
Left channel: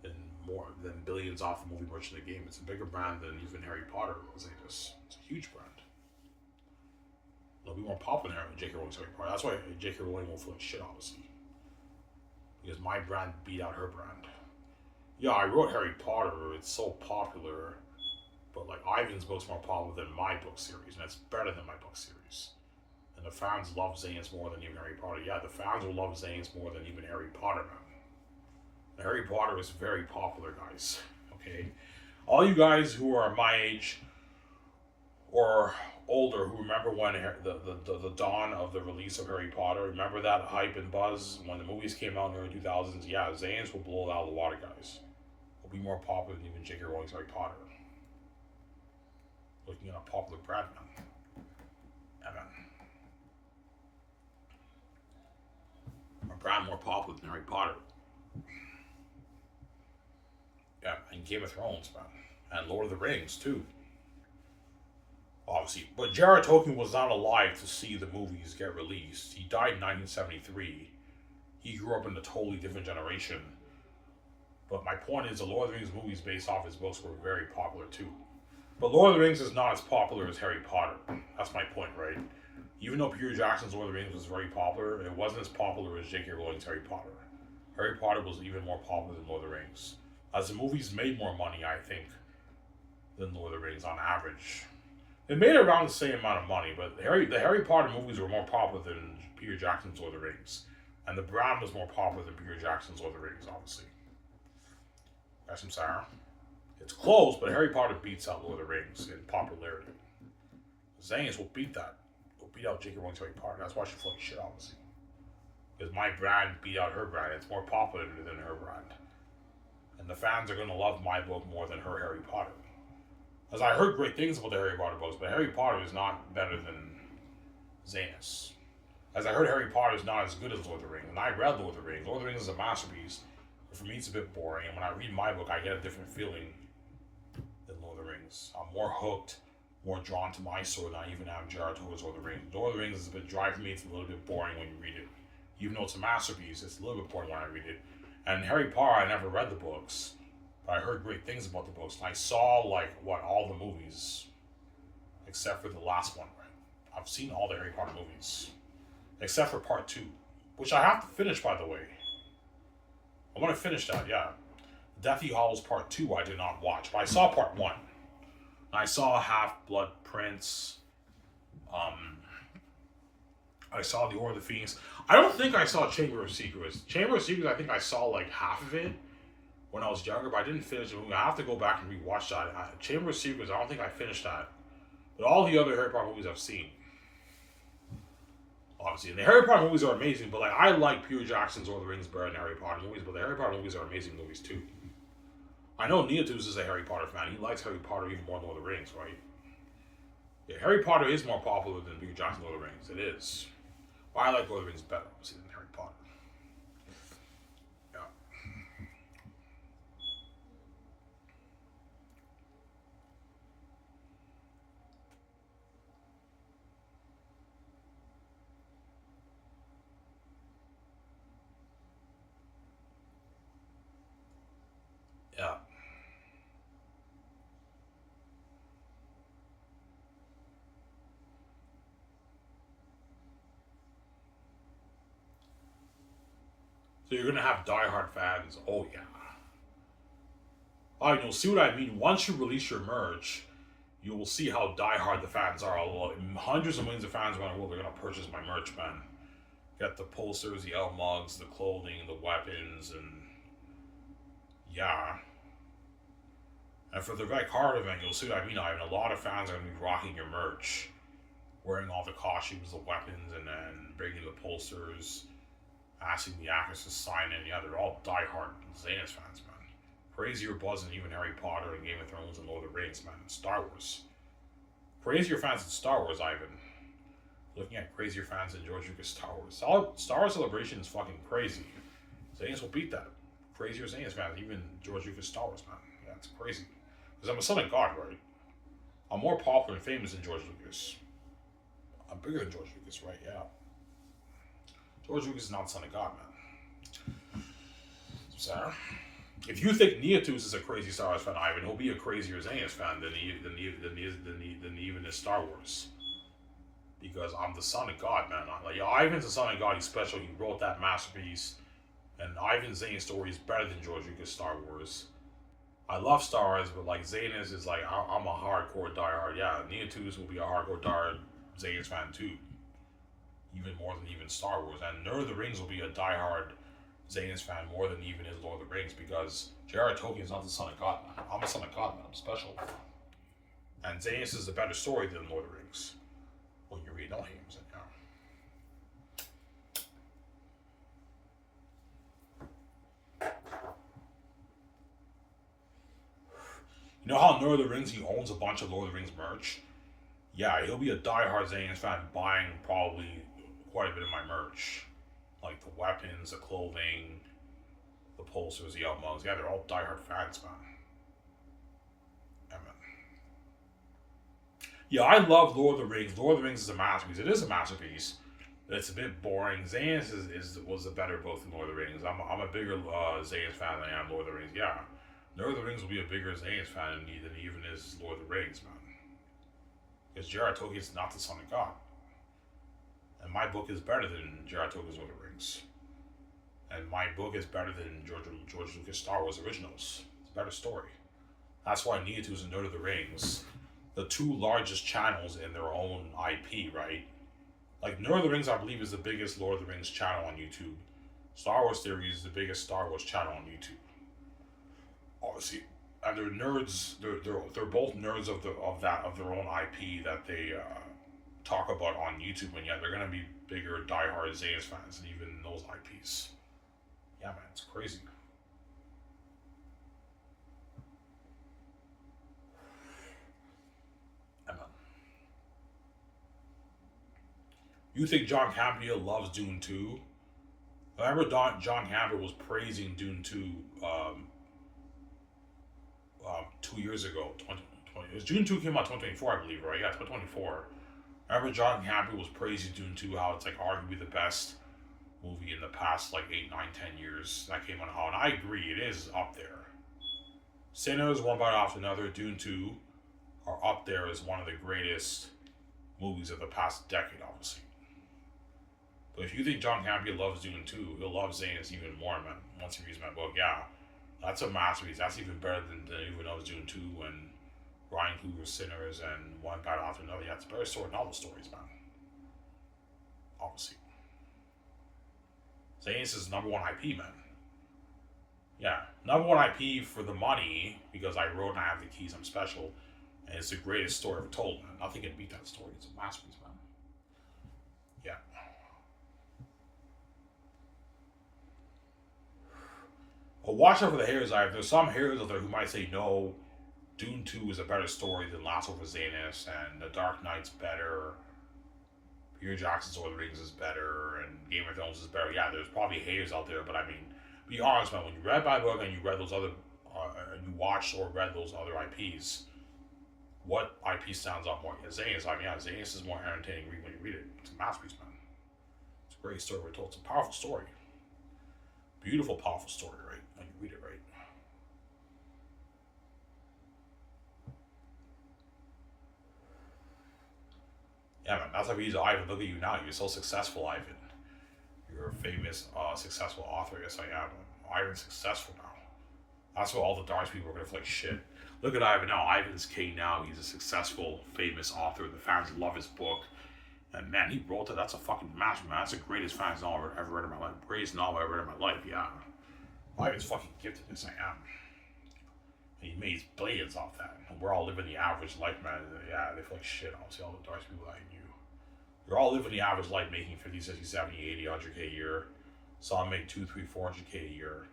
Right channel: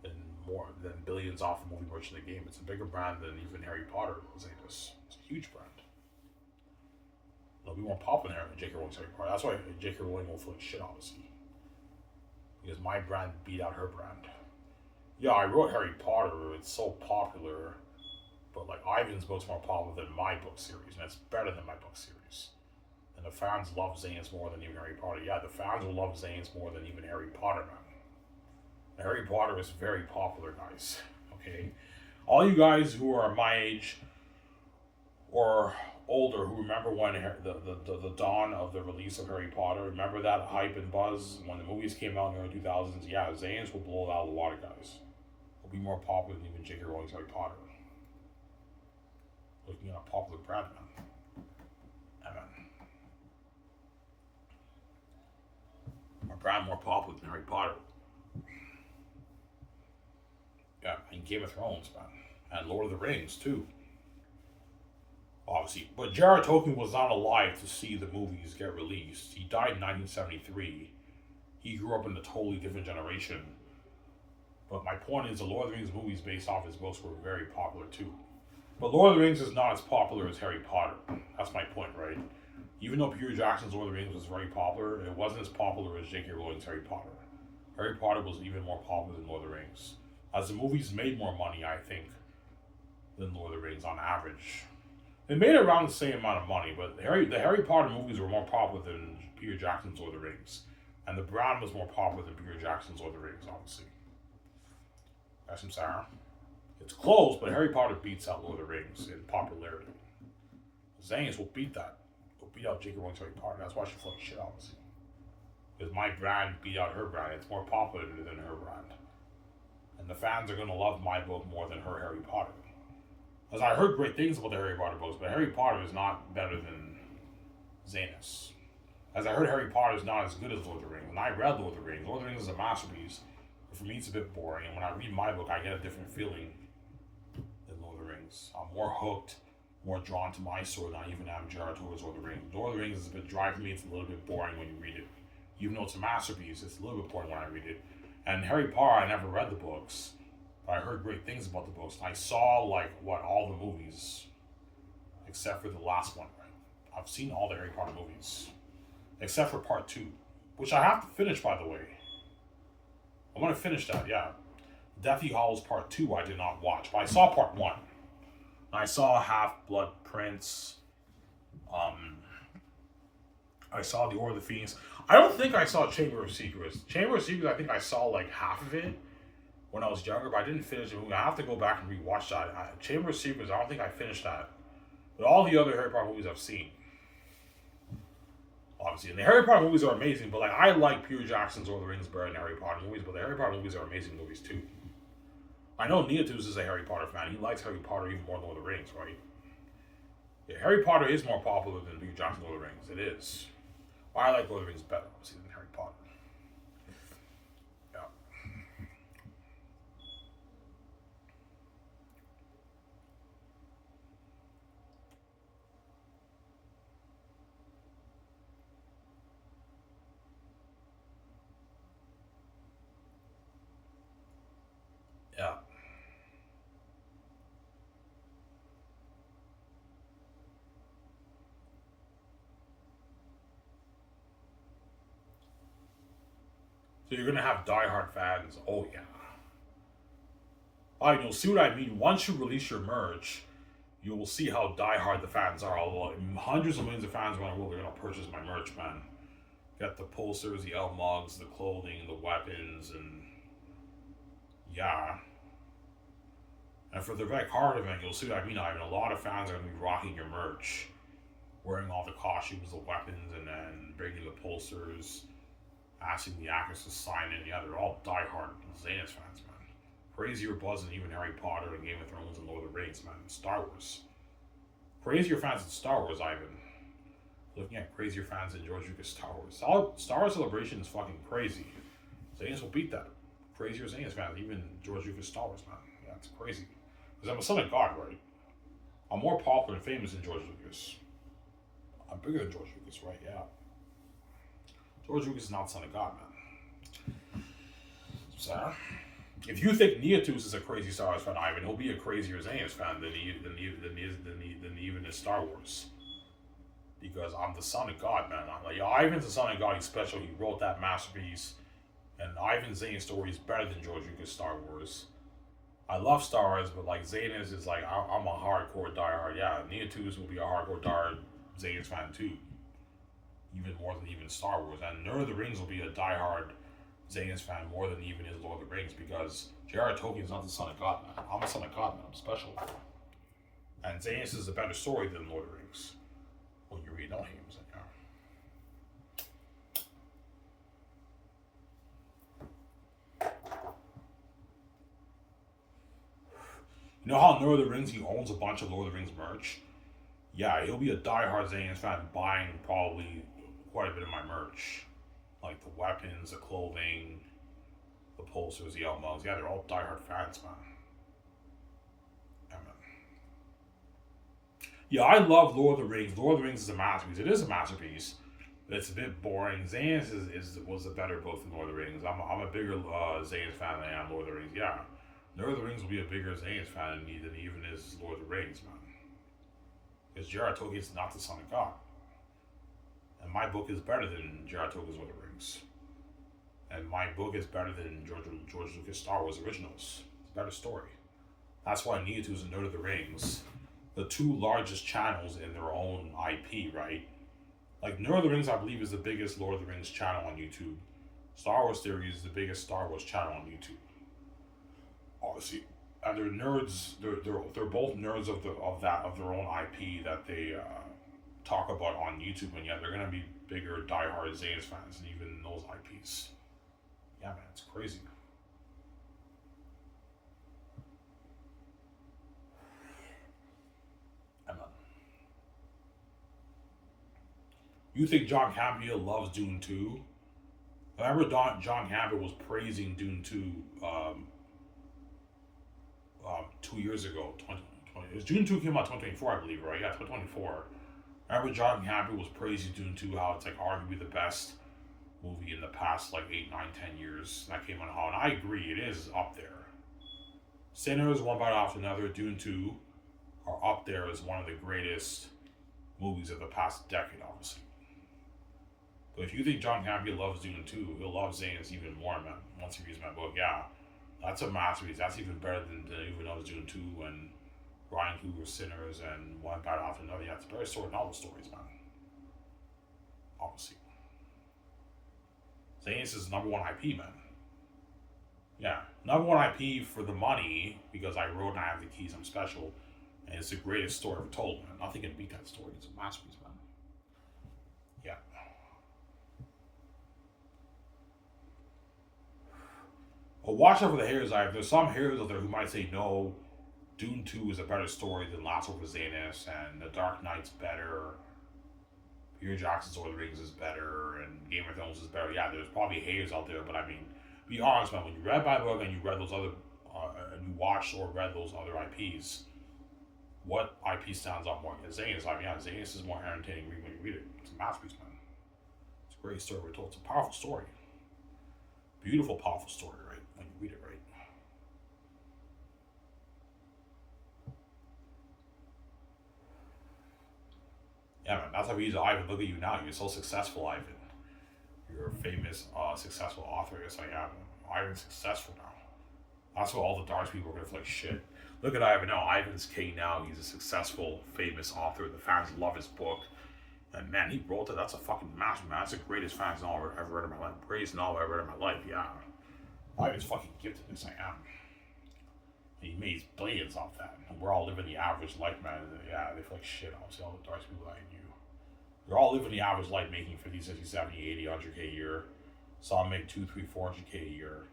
and more than billions off the movie, merch, in the game. It's a bigger brand than even Harry Potter. It's a huge brand. be more popular than J.K. Rowling's Harry Potter. That's why J.K. Rowling won't feel like shit, obviously. Because my brand beat out her brand. Yeah, I wrote Harry Potter. It's so popular. But, like, Ivan's book's more popular than my book series. And it's better than my book series. And the fans love Xanus more than even Harry Potter. Yeah, the fans will love Xanus more than even Harry Potter, man. And Harry Potter is very popular, guys. Okay? All you guys who are my age or older who remember when the dawn of the release of Harry Potter, remember that hype and buzz when the movies came out in the early 2000s? Yeah, Xanus will blow it out of the water, guys. Will be more popular than even J.K. Rowling's Harry Potter. Looking at a popular brand, man. Yeah, man. A brand more popular than Harry Potter. Yeah, and Game of Thrones, man. And Lord of the Rings, too. Obviously. But J.R.R. Tolkien was not alive to see the movies get released. He died in 1973. He grew up in a totally different generation. But my point is, the Lord of the Rings movies based off his books were very popular, too. But Lord of the Rings is not as popular as Harry Potter. That's my point, right? Even though Peter Jackson's Lord of the Rings was very popular, it wasn't as popular as J.K. Rowling's Harry Potter. Harry Potter was even more popular than Lord of the Rings. As the movies made more money, I think, than Lord of the Rings on average. They made around the same amount of money, but the Harry Potter movies were more popular than Peter Jackson's Lord of the Rings. And the brand was more popular than Peter Jackson's Lord of the Rings, obviously. That's some Sarah. It's close, but Harry Potter beats out Lord of the Rings in popularity. Xanus will beat that. Will beat out J.K. Rowling's Harry Potter. That's why she's fucking shit, obviously. Because my brand beat out her brand. It's more popular than her brand. And the fans are going to love my book more than her Harry Potter. As I heard great things about the Harry Potter books, but Harry Potter is not better than Xanus. As I heard Harry Potter is not as good as Lord of the Rings. And I read Lord of the Rings. Lord of the Rings is a masterpiece. But for me, it's a bit boring. And when I read my book, I get a different feeling than Lord of the Rings. I'm more hooked, more drawn to my story than I even am J.R.R. Tolkien's Lord of the Rings. Lord of the Rings is a bit dry for me. It's a little bit boring when you read it. Even though it's a masterpiece, it's a little bit boring when I read it. And Harry Potter, I never read the books. But I heard great things about the books. And I saw, all the movies. Except for the last one, right? I've seen all the Harry Potter movies. Except for part 2. Which I have to finish, by the way. I want to finish that, yeah. Deathly Hallows Part 2 I did not watch. But I saw Part 1. I saw Half-Blood Prince. I saw The Order of the Phoenix. I don't think I saw Chamber of Secrets. Chamber of Secrets, I think I saw half of it when I was younger, but I didn't finish it. I have to go back and rewatch that. Chamber of Secrets, I don't think I finished that. But all the other Harry Potter movies I've seen. Obviously. And the Harry Potter movies are amazing, but I like Peter Jackson's Lord of the Rings better than Harry Potter movies, but the Harry Potter movies are amazing movies too. I know Neotus is a Harry Potter fan. He likes Harry Potter even more than Lord of the Rings, right? Yeah, Harry Potter is more popular than Peter Jackson's Lord of the Rings. It is. But I like Lord of the Rings better, obviously, than Harry Potter. Yeah. Yeah. So you're gonna have diehard fans. Oh yeah. Alright, you'll see what I mean. Once you release your merch, you will see how diehard the fans are. Hundreds of millions of fans around the world are gonna purchase my merch, man. Get the posters, the L mugs, the clothing, the weapons, and yeah. And for the Red Card event, you'll see what I mean. A lot of fans are gonna be rocking your merch, wearing all the costumes, the weapons, and then bringing the posters. Asking the actors to sign in. Yeah, they're all diehard Xanus fans, man. Crazier buzz than even Harry Potter and Game of Thrones and Lord of the Rings, man. And Star Wars. Crazier fans than Star Wars, Ivan. Looking at crazier fans than George Lucas Star Wars. Star Wars Celebration is fucking crazy. Xanus will beat that. Crazier Xanus fans, even George Lucas Star Wars, man. Yeah, it's crazy. Because I'm a son of God, right? I'm more popular and famous than George Lucas. I'm bigger than George Lucas, right? Yeah. George Lucas is not the son of God, man. So, if you think Neotus is a crazy Star Wars fan, Ivan, he'll be a crazier Xanus fan than even is Star Wars. because I'm the son of God, man. I'm like, yo, Ivan's the son of God. He's special. He wrote that masterpiece. And Ivan Zane's story is better than George Lucas' Star Wars. I love Star Wars, but like Xanus is like, I'm a hardcore diehard. Yeah, Neotus will be a hardcore diehard Xanus fan too. Even more than even Star Wars. And Nerd of the Rings will be a diehard Xanus fan more than even his Lord of the Rings because J.R.R. Tolkien is not the son of God, man. I'm a son of God, man. I'm special. And Xanus is a better story than Lord of the Rings. When you read no names, yeah. You know how Lord of the Rings, he owns a bunch of Lord of the Rings merch? Yeah, he'll be a diehard Xanus fan buying probably quite a bit of my merch. Like the weapons, the clothing, the posters, the mugs. Yeah, they're all diehard fans, man. Yeah, man. Yeah, I love Lord of the Rings. Lord of the Rings is a masterpiece. It is a masterpiece. It's a bit boring. Xanus was a better book than Lord of the Rings. I'm a bigger Xanus fan than I am Lord of the Rings. Yeah. Lord of the Rings will be a bigger Xanus fan than even is Lord of the Rings, man. Because J.R.R. Tolkien is not the son of God. And my book is better than J.R.R. Tolkien's Lord of the Rings. And my book is better than George Lucas' Star Wars originals. It's a better story. That's why Neotus and Lord of the Rings, the two largest channels in their own IP, right? Like, Lord of the Rings, I believe, is the biggest Lord of the Rings channel on YouTube. Star Wars Theory is the biggest Star Wars channel on YouTube. Obviously, and they're nerds. They're both nerds of their own IP that they talk about on YouTube, and yet they're gonna be bigger diehard Xanus fans than even those IPs. Yeah, man, it's crazy. Yeah, man. You think John Campbell loves Dune 2? I remember John Campbell was praising Dune 2 2 years ago. 2020. It was Dune 2 came out 2024, I believe, right? Yeah, 2024. I remember John Campbell was praising Dune 2, how it's like arguably the best movie in the past like 8, 9, 10 years that came out. And I agree, it is up there. Sinners, one bite after another, Dune 2 are up there as one of the greatest movies of the past decade, obviously. But if you think John Campbell loves Dune 2, he'll love Xanus even more, man. Once he reads my book, yeah. That's a masterpiece. That's even better than even though Dune 2 and Ryan Coogler's Sinners and One Battle After Another. Yeah, it's better story than all the stories, man. Obviously. Xanus is number one IP, man. Yeah, number one IP for the money because I wrote and I have the keys. I'm special, and it's the greatest story ever told, man. Nothing can beat that story. It's a masterpiece, man. Yeah. But watch out for the haters. There's some haters out there who might say no. Dune 2 is a better story than Last of Xanus, and The Dark Knight's better. Peter Jackson's Lord of the Rings is better, and Game of Thrones is better. Yeah, there's probably haters out there, but I mean, be honest, man. When you read my book and you read those other, you watched or read those other IPs, what IP stands out more? Xanus. I mean, yeah, Xanus is more entertaining when you read it. It's a masterpiece, man. It's a great story we're told. It's a powerful story. Beautiful, powerful story, right? When you read it, right? Yeah, man, that's how we use Ivan. Look at you now. You're so successful, Ivan. You're a famous, successful author. Yes, I am. Ivan's successful now. That's what all the dark people are going to feel like shit. Look at Ivan now. Ivan's king now. He's a successful, famous author. The fans love his book. And man, he wrote that. That's a fucking masterpiece, man. That's the greatest fantasy novel I've ever read in my life. Greatest novel I've ever read in my life, yeah. Ivan's fucking gifted. Yes, I am. He made billions off that. We're all living the average life, man. Yeah, they feel like shit. Honestly, all the dark people that I knew. They're all living the average life, making 50, 60, 70, 80, 100K a year. Some make 2, 3, 400K a year.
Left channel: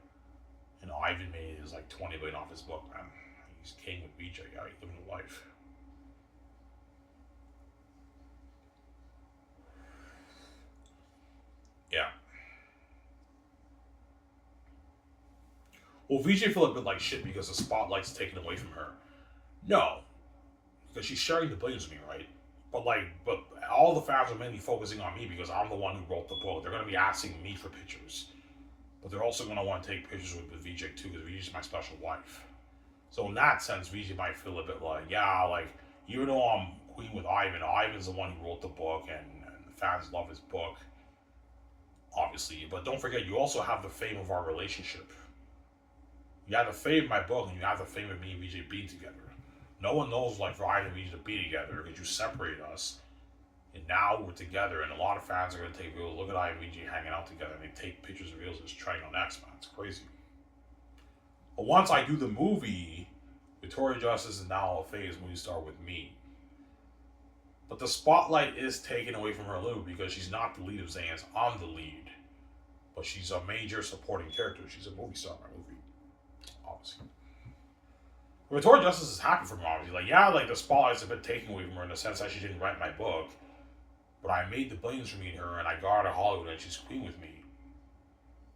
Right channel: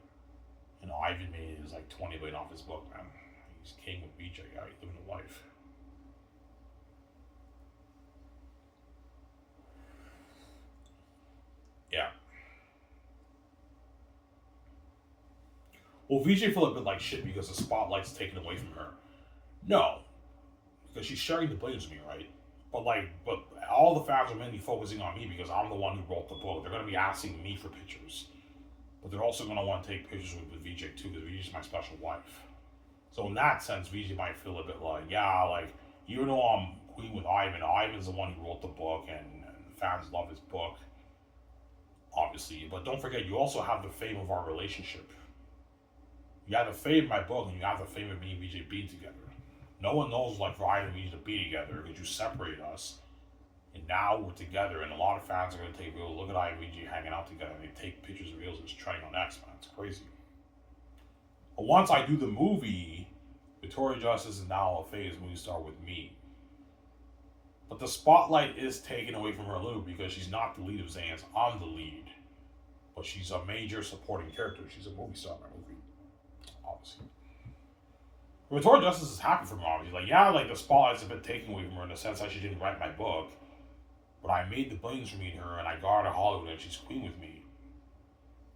And Ivan made his like 20 billion off his book, man. He's king with BJ, yeah, he's living a life. Yeah. Well, VJ feel a bit like shit because the spotlight's taken away from her. No, because she's sharing the billions with me, right? But all the fans are mainly focusing on me because I'm the one who wrote the book. They're going to be asking me for pictures, but they're also going to want to take pictures with VJ too because VJ's my special wife. So in that sense, VJ might feel a bit like, yeah, like even though I'm queen with Ivan. Ivan's the one who wrote the book, and the fans love his book, obviously. But don't forget, you also have the fame of our relationship. You have the fame of my book, and you have the fame of me and VJ being together. No one knows like Ryan and VJ to be together because you separate us, and now we're together. And a lot of fans are going to take videos. Look at I and VJ hanging out together, and they take pictures of videos. It's trending on X, man. It's crazy. But once I do the movie, Victoria Justice is now a phase movie star with me. But the spotlight is taken away from her a little because she's not the lead of Xanus. I'm the lead. But she's a major supporting character. She's a movie star in my movie, obviously. Victoria Justice is happy for me, obviously. Like, yeah, like the spotlight's a bit taken away from her in the sense that she didn't write my book. But I made the billions for me and her, and I got her to Hollywood, and she's queen with me.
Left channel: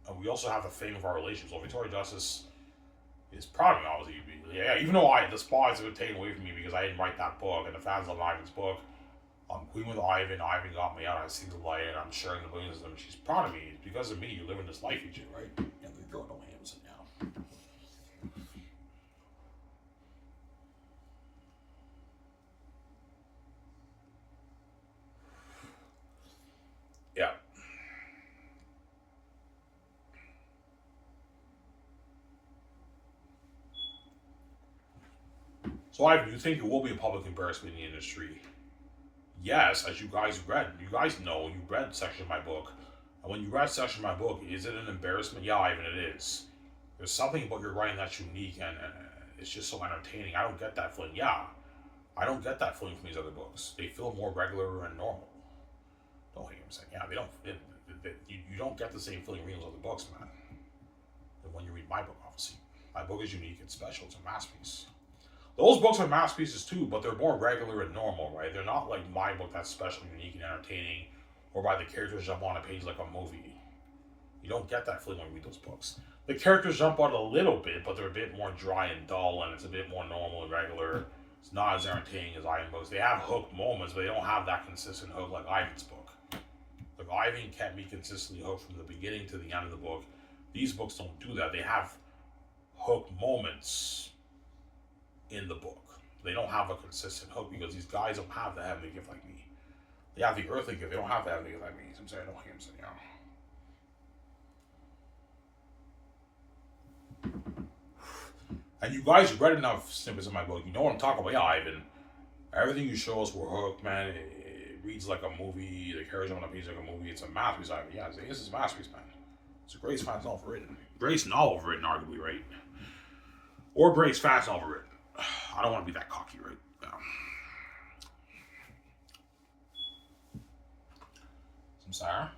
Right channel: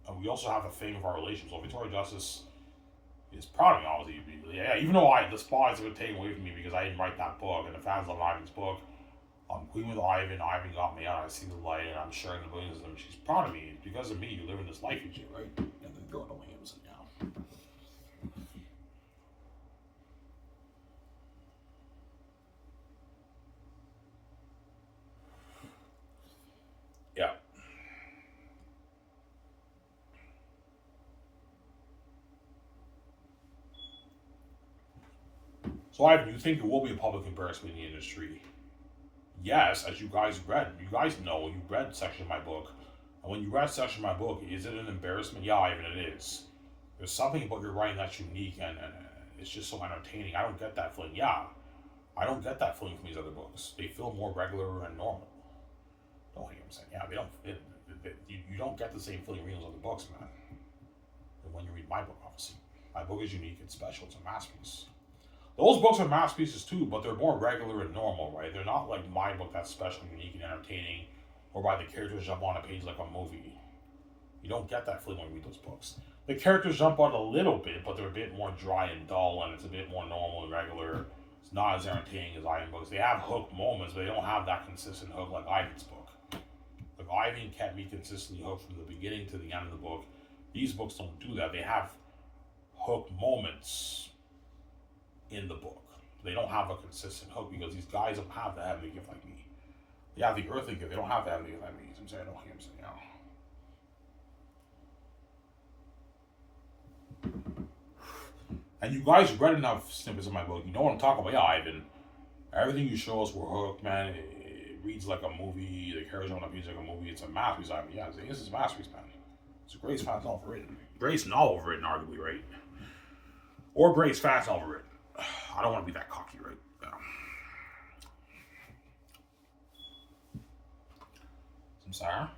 And we also have the fame of our relationship. So Victoria Justice is proud of me, obviously. Yeah, even though the spotlight's a bit taken away from me because I didn't write that book, and the fans love Ivan's book. I'm queen with Ivan. Ivan got me out. I see the light, and I'm sharing the billions with them. She's proud of me. It's because of me. You live in this life, you do, right? And the girl no hams now. Yeah. So, Ivan, do you think it will be a public embarrassment in the industry? Yes, as you guys read. You guys know, you read section of my book. And when you read section of my book, is it an embarrassment? Yeah, Ivan, it is. There's something about your writing that's unique, and it's just so entertaining. I don't get that feeling. Yeah, I don't get that feeling from these other books. They feel more regular and normal. Don't hear them saying, yeah, they don't. You don't get the same feeling reading those other books, man. Than when you read my book, obviously. My book is unique. It's special. It's a masterpiece. Those books are masterpieces too, but they're more regular and normal, right? They're not like my book that's special, unique, and entertaining, or by the characters jump on a page like a movie. You don't get that feeling when you read those books. The characters jump out a little bit, but they're a bit more dry and dull, and it's a bit more normal and regular. It's not as entertaining as Ivan books. They have hook moments, but they don't have that consistent hook like Ivan's book. Like Ivan kept me consistently hooked from the beginning to the end of the book. These books don't do that. They have hook moments in the book. They don't have a consistent hook because these guys don't have the heavenly gift like me. They have the earthly gift. They don't have the heavenly gift like me. I'm saying, I don't hear him saying, And you guys read enough snippets of my book. You know what I'm talking about. Yeah, Ivan. Everything you show us, we're hooked, man. It reads like a movie. The characters on the page like a movie. It's a masterpiece, Ivan. Yeah, this is a masterpiece, man. It's a greatest fast novel written. Greatest novel written, arguably, right? Or greatest fast novel written. I don't want to be that cocky, right? No. Some sour?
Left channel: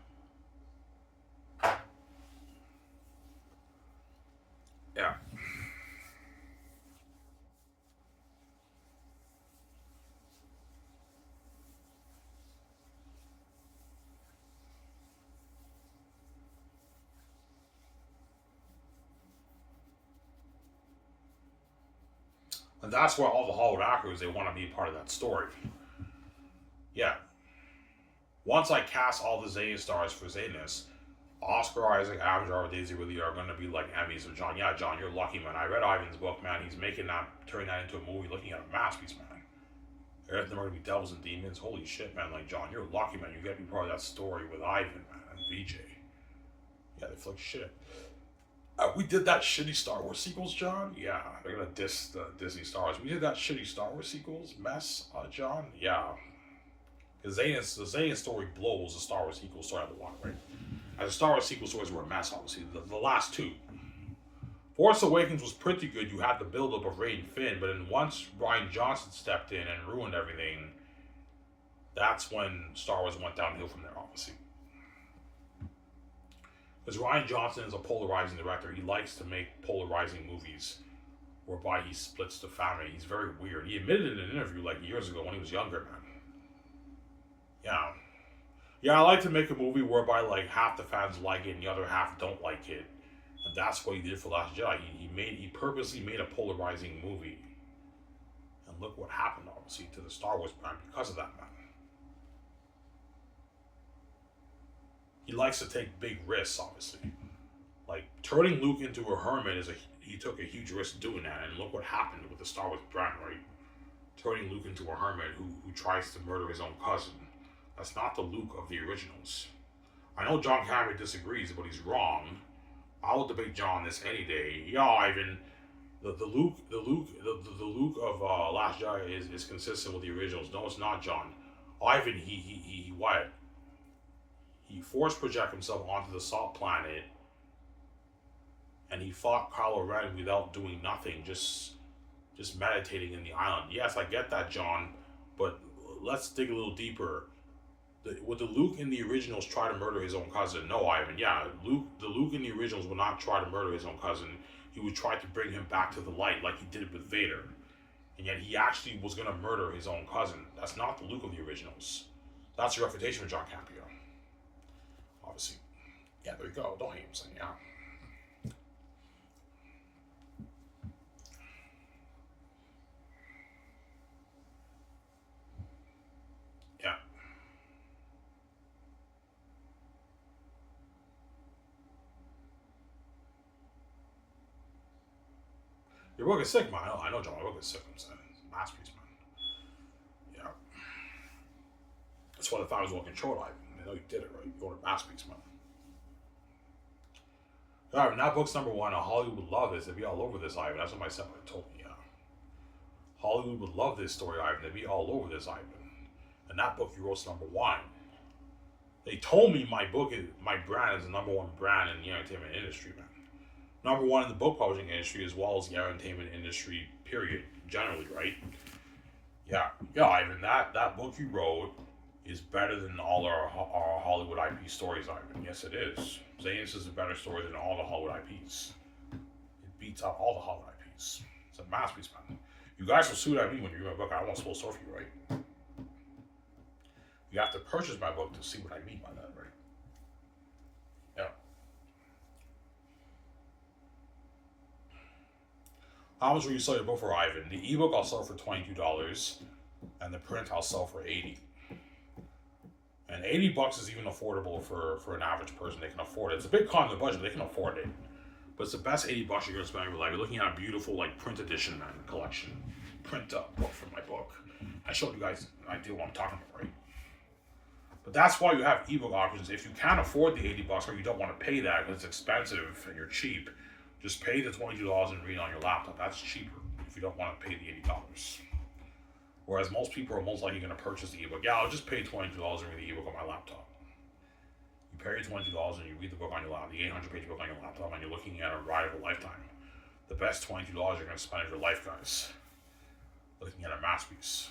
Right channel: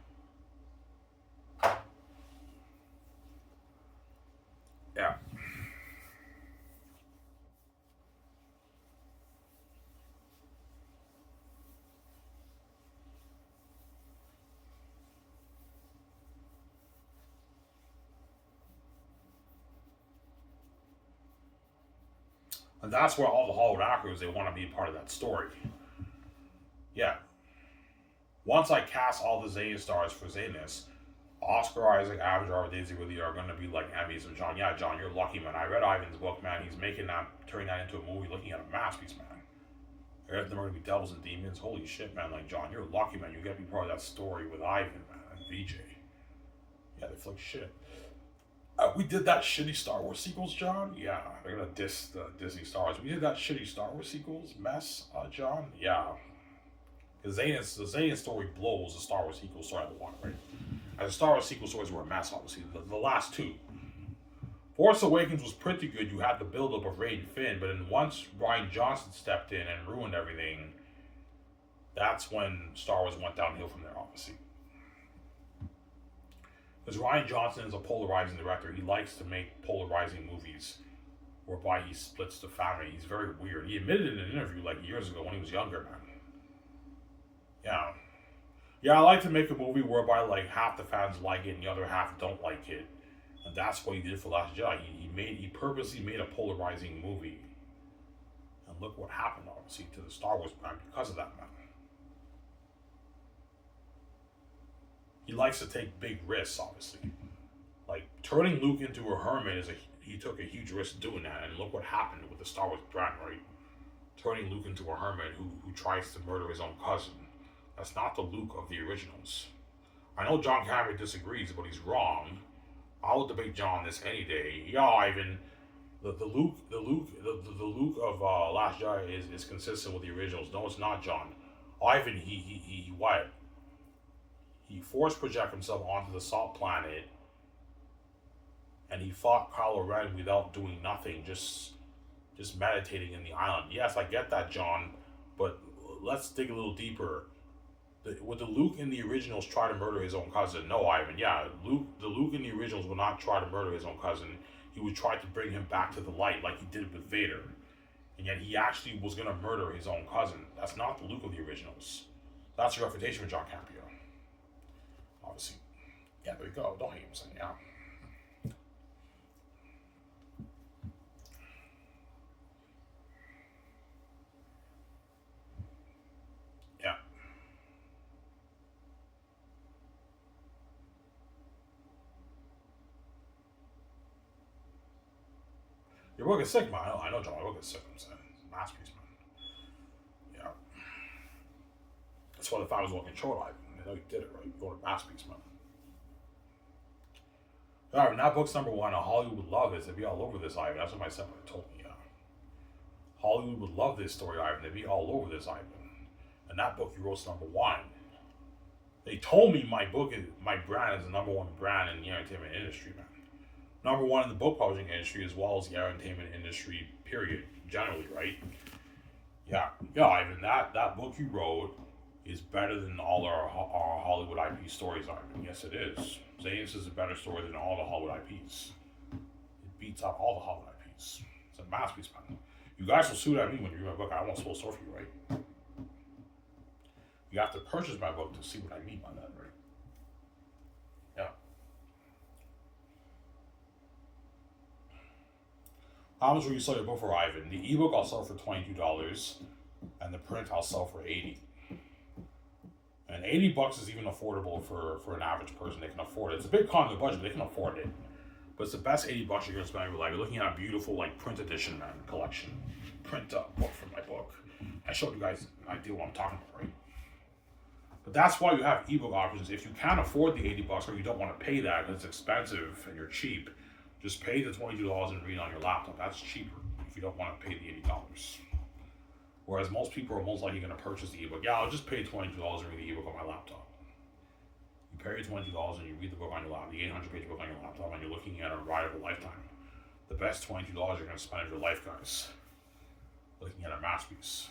Yeah. And that's why all the Hollywood actors, they want to be a part of that story. Yeah. Once I cast all the Xanus stars for Xanus, Oscar Isaac, Adam Driver, Daisy Ridley are going to be like Emmys. And John, yeah, John, you're lucky, man. I read Ivan's book, man. He's making that, turning that into a movie, looking at a masterpiece, man. Everything are going to be devils and demons. Holy shit, man. Like, John, you're lucky, man. You get to be part of that story with Ivan, man, and VJ. Yeah, they flick shit. We did that shitty Star Wars sequels, John. Yeah, they're gonna diss the Disney Star Wars. We did that shitty Star Wars sequels mess, John. Yeah, because the Xanus story blows the Star Wars sequel story out of the water, right? And the Star Wars sequel stories were a mess, obviously. The last two. Force Awakens was pretty good. You had the build-up of Rey and Finn, but then once Rian Johnson stepped in and ruined everything, that's when Star Wars went downhill from there, obviously. Because Rian Johnson is a polarizing director. He likes to make polarizing movies whereby he splits the family. He's very weird. He admitted in an interview like years ago when he was younger, man. Yeah. Yeah, I like to make a movie whereby like half the fans like it and the other half don't like it. And that's what he did for Last Jedi. He purposely made a polarizing movie. And look what happened, obviously, to the Star Wars brand because of that, man. He likes to take big risks, obviously. Like, turning Luke into a hermit he took a huge risk doing that, and look what happened with the Star Wars brand, right? turning Luke into a hermit who tries to murder his own cousin. That's not the Luke of the originals. I know John Cameron disagrees, but he's wrong. I will debate John on this any day. Yeah, Ivan, the Luke of Last Jedi is consistent with the originals. No, it's not, John. Ivan, he what? He force project himself onto the salt planet, and he fought Kylo Ren without doing nothing, just meditating in the island. Yes, I get that, John, but let's dig a little deeper. Would the Luke in the originals try to murder his own cousin? No, Ivan. Yeah, the Luke in the originals would not try to murder his own cousin. He would try to bring him back to the light, like he did with Vader. And yet he actually was going to murder his own cousin. That's not the Luke of the originals. That's a refutation of John Campea. Obviously. Yeah, there you go. Don't hate him saying, yeah. Yeah. Your book is sick, man. I know, John. My book is sick. I'm saying. It's a masterpiece, man. Yeah. That's why the fact was well controlled, Ivan. I know you did it, right? You wrote a masterpiece, man. Alright, that book's number one. Hollywood would love this. They'd be all over this, Ivan. That's what my stepmother told me, yeah. Hollywood would love this story, Ivan. They'd be all over this, Ivan. And that book you wrote's number one. They told me my brand is the number one brand in the entertainment industry, man. Number one in the book publishing industry as well as the entertainment industry, period, generally, right? Yeah, Ivan, that book you wrote is better than all our Hollywood IP stories, Ivan. Yes, it is. Xanus is a better story than all the Hollywood IPs. It beats out all the Hollywood IPs. It's a masterpiece, man. You guys will sue at me when you read my book. I won't spoil story for you, right? You have to purchase my book to see what I mean by that, right? Yeah. How much will you sell your book for, Ivan? The ebook I'll sell for $22, and the print I'll sell for $80. And $80 is even affordable for an average person. They can afford it. It's a big con of the budget, but they can afford it. But it's the best $80 you're gonna spend in your life. You're looking at a beautiful like print edition, man, collection, print book from my book. I showed you guys an idea what I'm talking about, right? But that's why you have ebook options. If you can't afford the $80 or you don't want to pay that because it's expensive and you're cheap, just pay the $22 and read on your laptop. That's cheaper if you don't want to pay the $80. Whereas most people are most likely going to purchase the ebook. Yeah, I'll just pay $22 and read the ebook on my laptop. You pay your $22 and you read the book on your laptop, the 800-page book on your laptop, and you're looking at a ride of a lifetime. The best $22 you're going to spend of your life, guys. Looking at a masterpiece.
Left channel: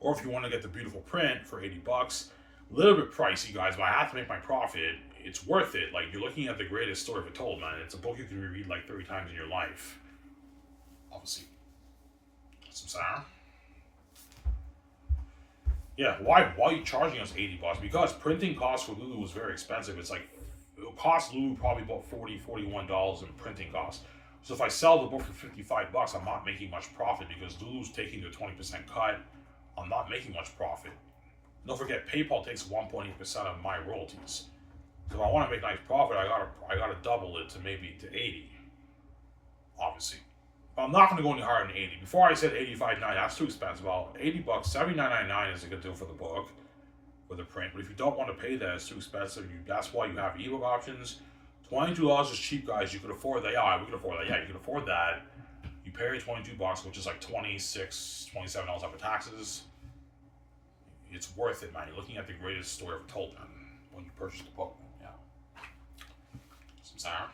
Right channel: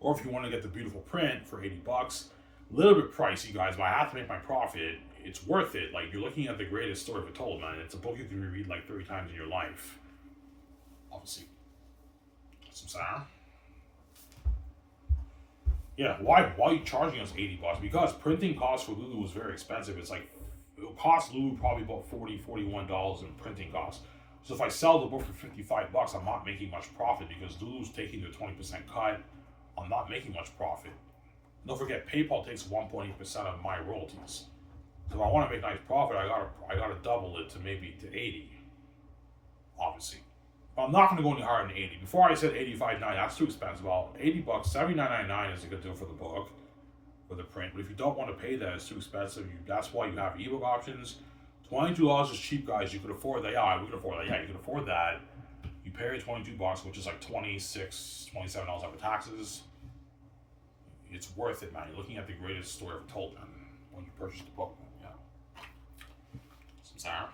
Or if you want to get the beautiful print for $80, a little bit pricey, guys, but I have to make my profit. It's worth it. Like, you're looking at the greatest story ever told, man. It's a book you can reread like 30 times in your life. Obviously. Some sound. Yeah, why are you charging us $80? Because printing costs for Lulu was very expensive. It's like, it'll cost Lulu probably about $40, $41 in printing costs. So if I sell the book for $55, I'm not making much profit because Lulu's taking their 20% cut. I'm not making much profit. Don't forget, PayPal takes 1.8% of my royalties. So if I want to make nice profit, I gotta double it to maybe to 80. Obviously. I'm not going to go any higher than 80. Before I said 85.9, that's too expensive. About $80, $79.99 is a good deal for the book, for the print. But if you don't want to pay that, it's too expensive. That's why you have ebook options. $22 is cheap, guys. You could afford that. Yeah, we could afford that. Yeah, you can afford that. You pay your $22, which is like $26, $27 after taxes. It's worth it, man. You're looking at the greatest story ever told, man. When you purchase the book, man. Yeah. Some sound.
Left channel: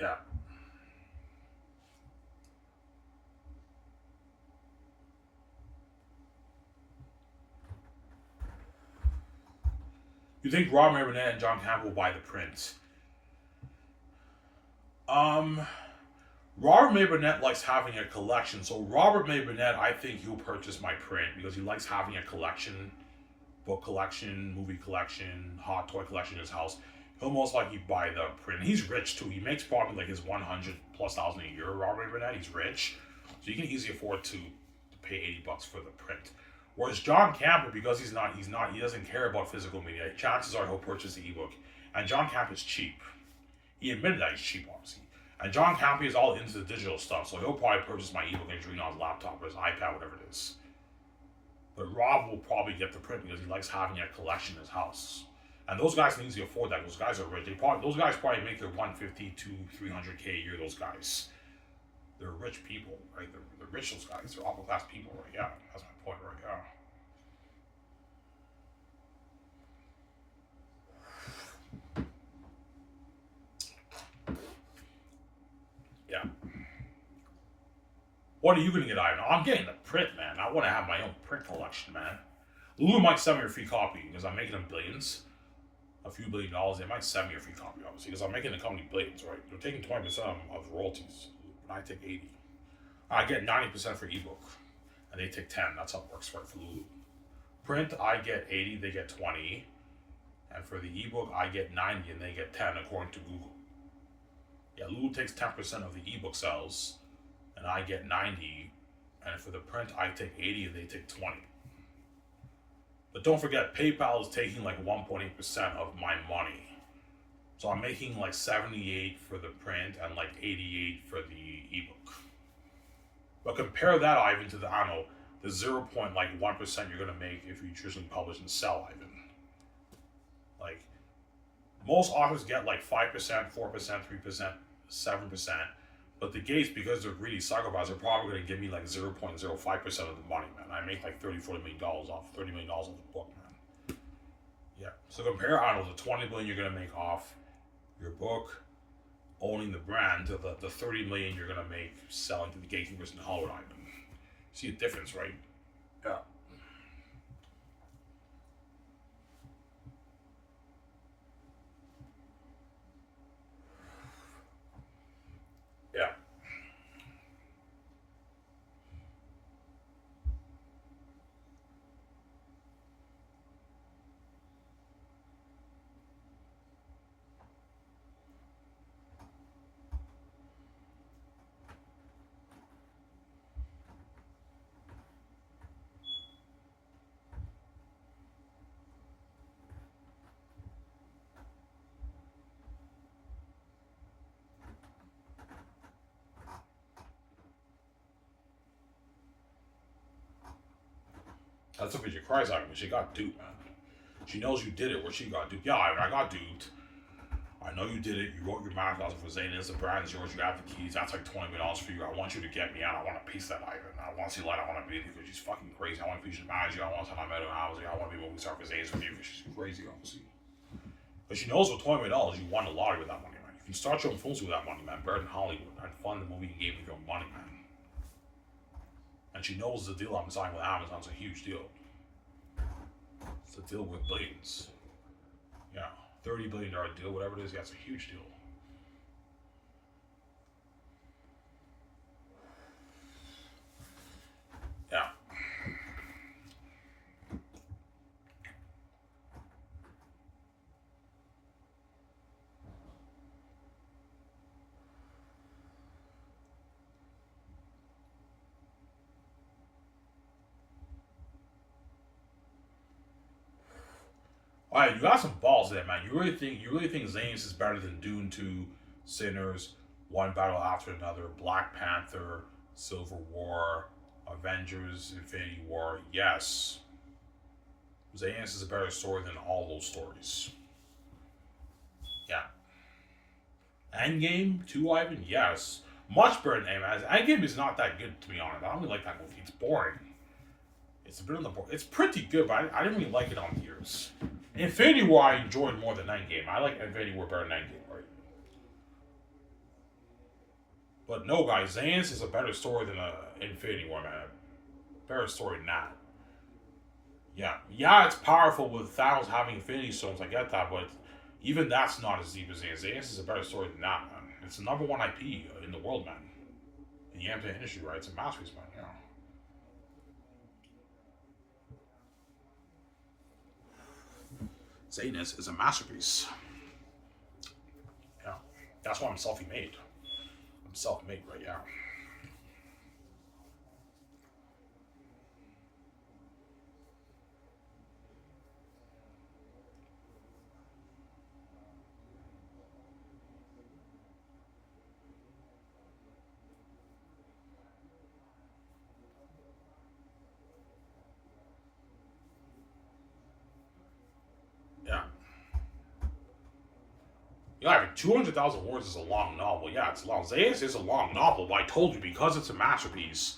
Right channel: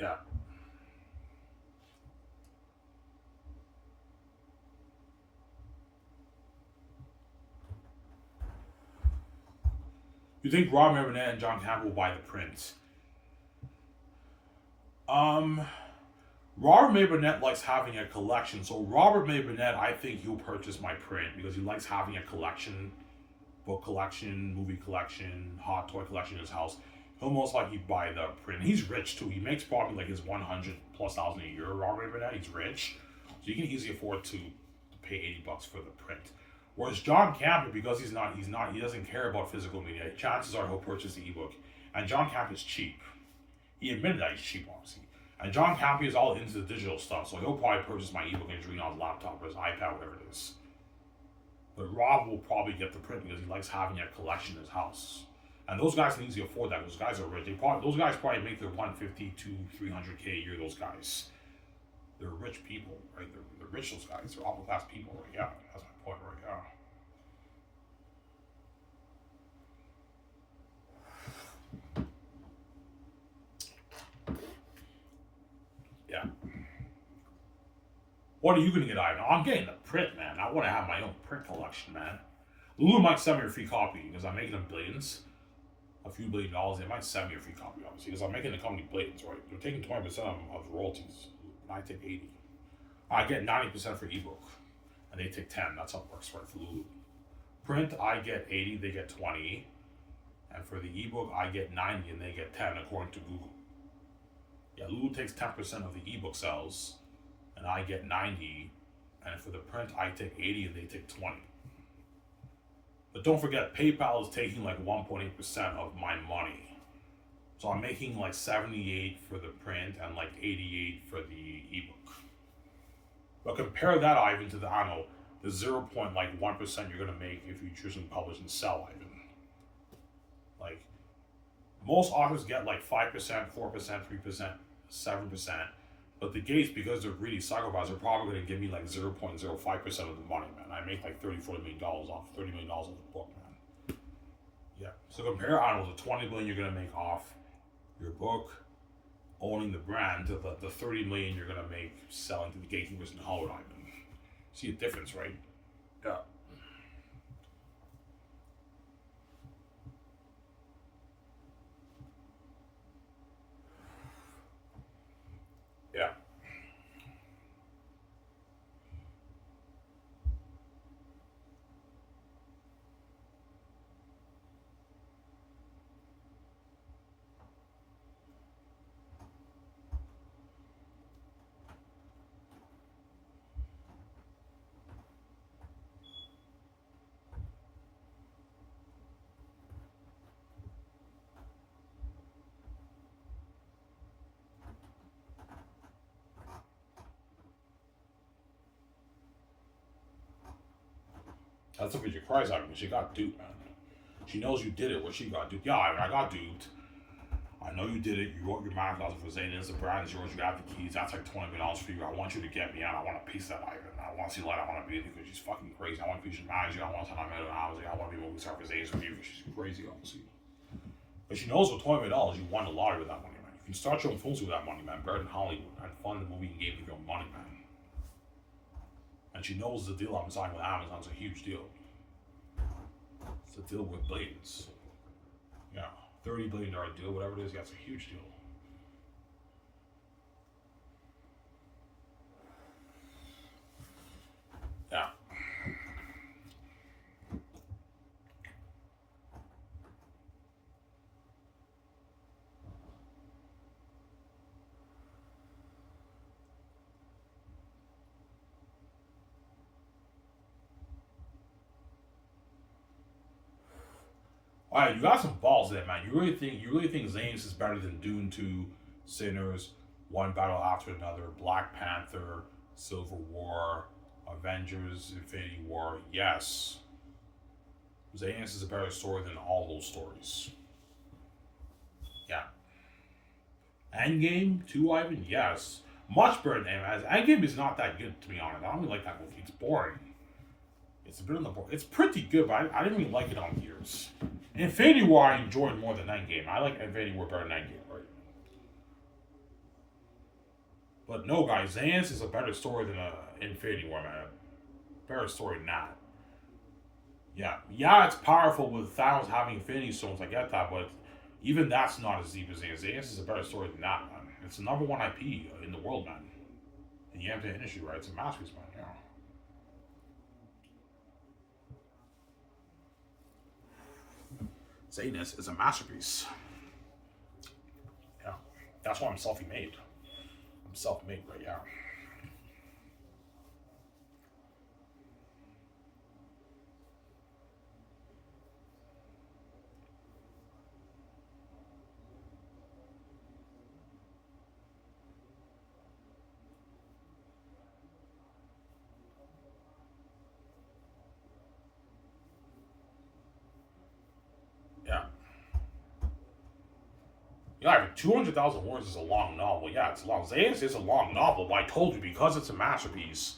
Yeah. You think Robert Burnett and John Campbell will buy the print? Robert May Burnett likes having a collection. So Robert May Burnett, I think he'll purchase my print because he likes having a collection. book collection, movie collection, hot toy collection in his house, he'll most likely buy the print. He's rich too. He makes probably like his 100,000+ a year. Robert Burnett, he's rich, so you can easily afford to pay $80 for the print. Whereas John Camper, because he doesn't care about physical media. Chances are he'll purchase the ebook, and John Camper is cheap. He admitted that he's cheap, obviously. And John Camper is all into the digital stuff, so he'll probably purchase my ebook and just read it on his laptop or his iPad, whatever it is. But Rob will probably get the print because he likes having a collection in his house. And those guys can easily afford that. Those guys are rich. Those guys probably make their 150 to 300K a year. Those guys, they're rich people, right? They're rich. Those guys, they're upper class people, right? Yeah, that's my point, right? Yeah. What are you gonna get, Ivan? I'm getting the print, man. I want to have my own print collection, man. Lulu might send me a free copy because I'm making them billions. A few $1 billion, they might send me a free copy, obviously, because I'm making the company billions, right? They're taking 20% of royalties, and I take 80. I get 90% for ebook, and they take 10. That's how it works, right, for Lulu. Print, I get 80, they get 20, and for the ebook, I get 90, and they get 10, according to Google. Yeah, Lulu takes 10% of the ebook sales, and I get 90, and for the print, I take 80, and they take 20. But don't forget, PayPal is taking like 1.8% of my money. So I'm making like 78 for the print and like 88 for the ebook. But compare that, Ivan, to the, I don't know, the 0.1% you're gonna make if you traditionally publish and sell, Ivan. Like, most authors get like 5%, 4%, 3%, 7%. But the Gates, because they're really psychopaths, are probably going to give me like 0.05% of the money, man. I make like $30 million off the book, man. Yeah. So compare, I don't know, the $20 million you're going to make off your book, owning the brand, to the $30 million you're going to make selling to the gatekeepers in Hollywood, Ivan. See the difference, right? Yeah. Yeah. That's a picture cries out, but she got duped, man. She knows you did it where she got duped. Yeah, I got duped. I know you did it. You wrote your math class for Xanus. The brand is yours. You got the keys. That's like $20 million for you. I want you to get me out. I want a piece of that, Ivan. I want to see light. I want to be with you because she's fucking crazy. I want to be your manager. I want to tell my medical housing. I want to be movie star for Xanus with you because she's crazy, obviously. But she knows with $20 million, you won the lottery with that money, man. You can start your own films with that money, man. Better than Hollywood. And fund the movie and game with your own money, man. And she knows the deal I'm signing with Amazon's a huge deal. It's a deal with billions. Yeah, $30 billion deal, whatever it is, that's a huge deal. Yeah. All right, you got some balls there, man. You really think Zane's is better than Dune 2, Sinners, One Battle After Another, Black Panther, Civil War, Avengers, Infinity War? Yes. Zane's is a better story than all those stories. Yeah. Endgame 2, Ivan? Yes. Much better than Endgame is not that good, to be honest. I don't really like that movie. It's boring. It's a bit on the board. It's pretty good, but I didn't really like it on years. Infinity War I enjoyed more than Endgame. I like Infinity War better than Endgame, right? But no, guys, Xanus is a better story than Infinity War, man. Better story than that. Yeah, it's powerful with Thanos having Infinity Stones. I get that, but even that's not as deep as Xanus. Xanus is a better story than that, man. It's the number one IP in the world, man. In the entertainment industry, right? It's a masterpiece, man. Yeah. Xanus is a masterpiece. Yeah, that's why I'm self-made. I'm self-made, right? Yeah. Yeah. Yeah, 200,000 words is a long novel. Yeah, it's long. Xanus is a long novel, but I told you, because it's a masterpiece,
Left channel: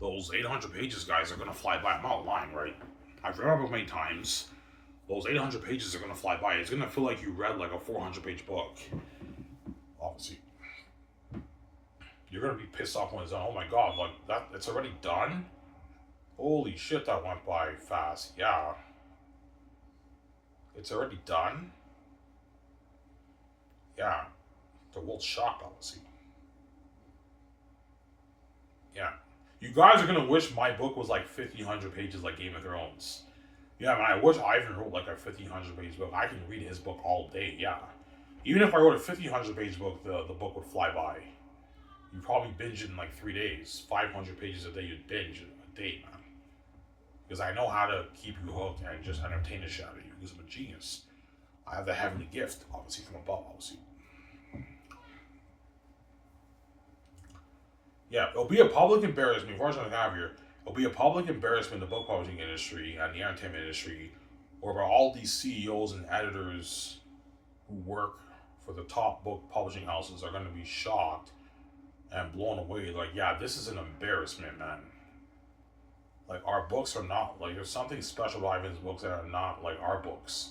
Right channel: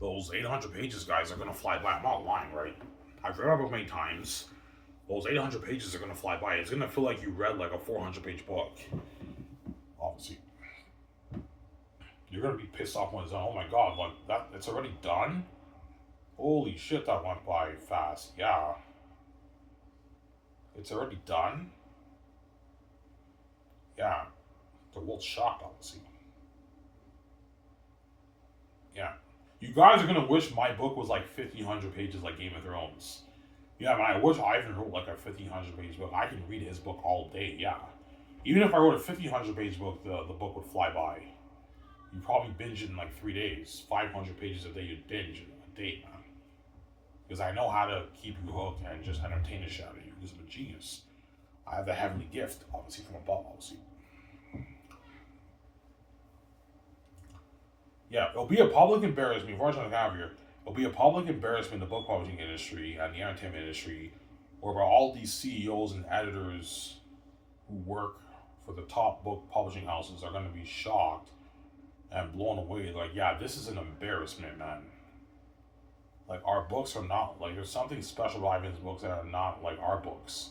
those 800 pages, guys, are going to fly by. I'm not lying, right? I've read it many times. Those 800 pages are going to fly by. It's going to feel like you read like a 400-page book. Obviously. You're going to be pissed off when it's done. Oh my god, like, that, it's already done? Holy shit, that went by fast. Yeah. It's already done? Yeah. The world's shocked, obviously. Yeah. You guys are gonna wish my book was like 1,500 pages like Game of Thrones. Yeah, man, I wish Ivan wrote like a 1,500 page book. I can read his book all day, yeah. Even if I wrote a 1,500 page book, the book would fly by. You'd probably binge it in like 3 days. 500 pages a day, you'd binge a day, man. Because I know how to keep you hooked and just entertain the shit out of you, because I'm a genius. I have the heavenly gift, obviously, from above, obviously. Yeah, it'll be a public embarrassment. Unfortunately, I have here. It'll be a public embarrassment in the book publishing industry and the entertainment industry, whereby all these CEOs and editors who work for the top book publishing houses are going to be shocked and blown away. Like, yeah, this is an embarrassment, man. Like, our books are not, like, there's something special about Ivan's books that are not like our books.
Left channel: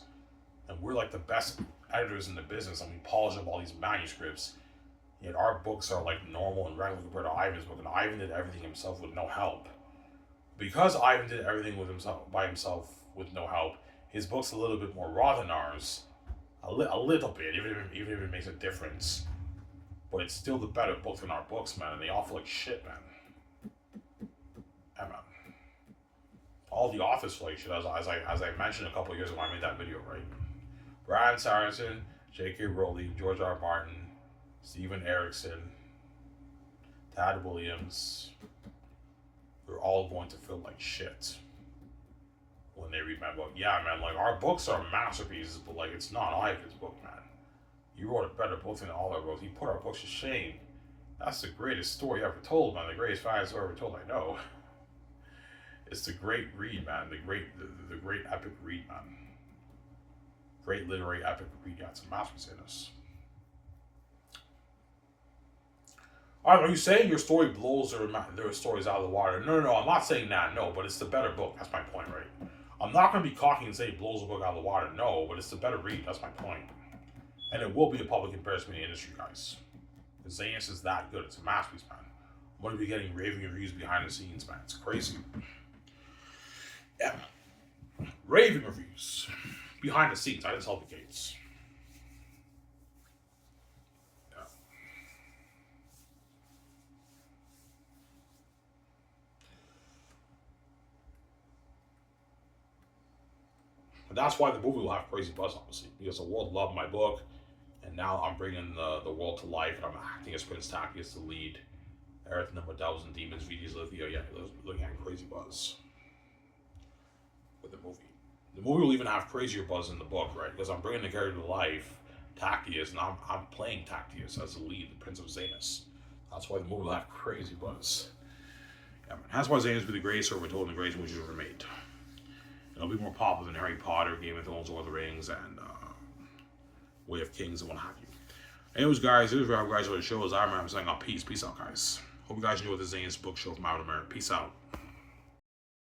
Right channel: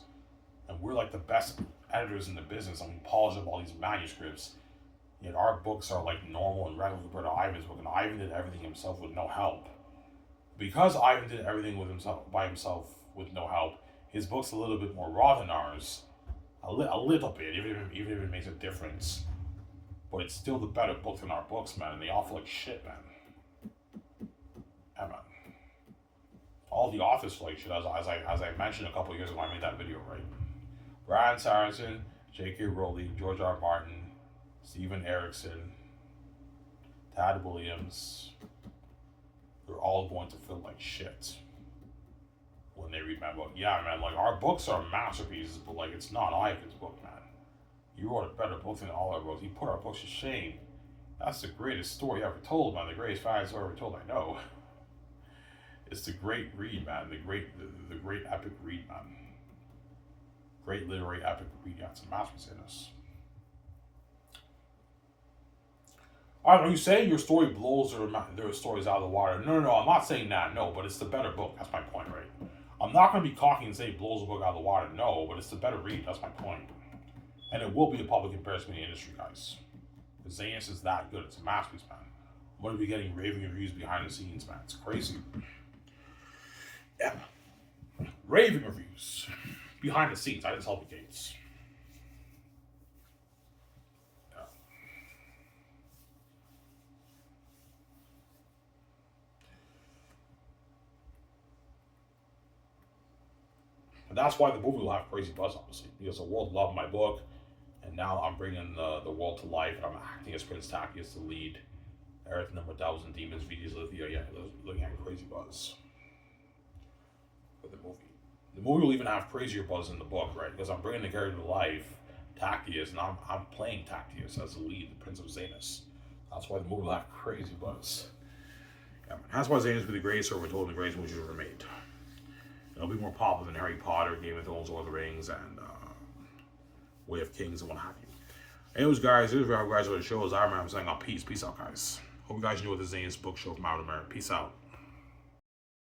And we're like the best editors in the business, and we polish up all these manuscripts. Yet our books are like normal and regular compared to Ivan's book, and Ivan did everything himself with no help. Because Ivan did everything with himself by himself with no help, his book's a little bit more raw than ours. A little bit, even if it makes a difference. But it's still the better book than our books, man, and they all feel like shit, man. Yeah, man. All the authors feel like shit, as I mentioned a couple years ago when I made that video, right? Brad Saracen, J.K. Rowling, George R. Martin, Steven Erickson, Tad Williams, they're all going to feel like shit when they read my book. Yeah, man, like, our books are masterpieces, but like, it's not Ivan's book, man. He wrote a better book than all our books. He put our books to shame. That's the greatest story ever told, man. The greatest fantasy story ever told, I know. It's the great read, man. The great epic read, man. Great literary epic read. Yeah, it's a masterpiece in us. Are you saying your story blows their stories out of the water? No, I'm not saying that, no, but it's the better book. That's my point, right? I'm not going to be cocky and say it blows the book out of the water, no, but it's the better read. That's my point. And it will be a public embarrassment in the industry, guys. The Xanus is that good. It's a masterpiece, man. I'm going to be getting raving reviews behind the scenes, man. It's crazy. Yeah. Raving reviews. Behind the scenes. I didn't sell the gates. Yeah. And that's why the movie will have crazy buzz, obviously. Because the world loved my book. And now I'm bringing the world to life. And I'm acting as Prince Taki as the lead. Earth number 1,000 Demons, VD's Lithia. Yeah, looking at crazy buzz with the movie. The movie will even have crazier buzz in the book, right? Because I'm bringing the character to life, Tactius, and I'm playing Tactius as the lead, the Prince of Xanus. That's why the movie will have crazy buzz. Yeah, man. That's why Xanus will be the greatest story told in the greatest movies ever made. It'll be more popular than Harry Potter, Game of Thrones, Lord of the Rings, and Way of Kings, and what have you. Anyways, guys, this is where I guys are the show. I'm saying, peace. Peace out, guys. Hope you guys enjoyed the Xanus Book Show from out of America. Peace out.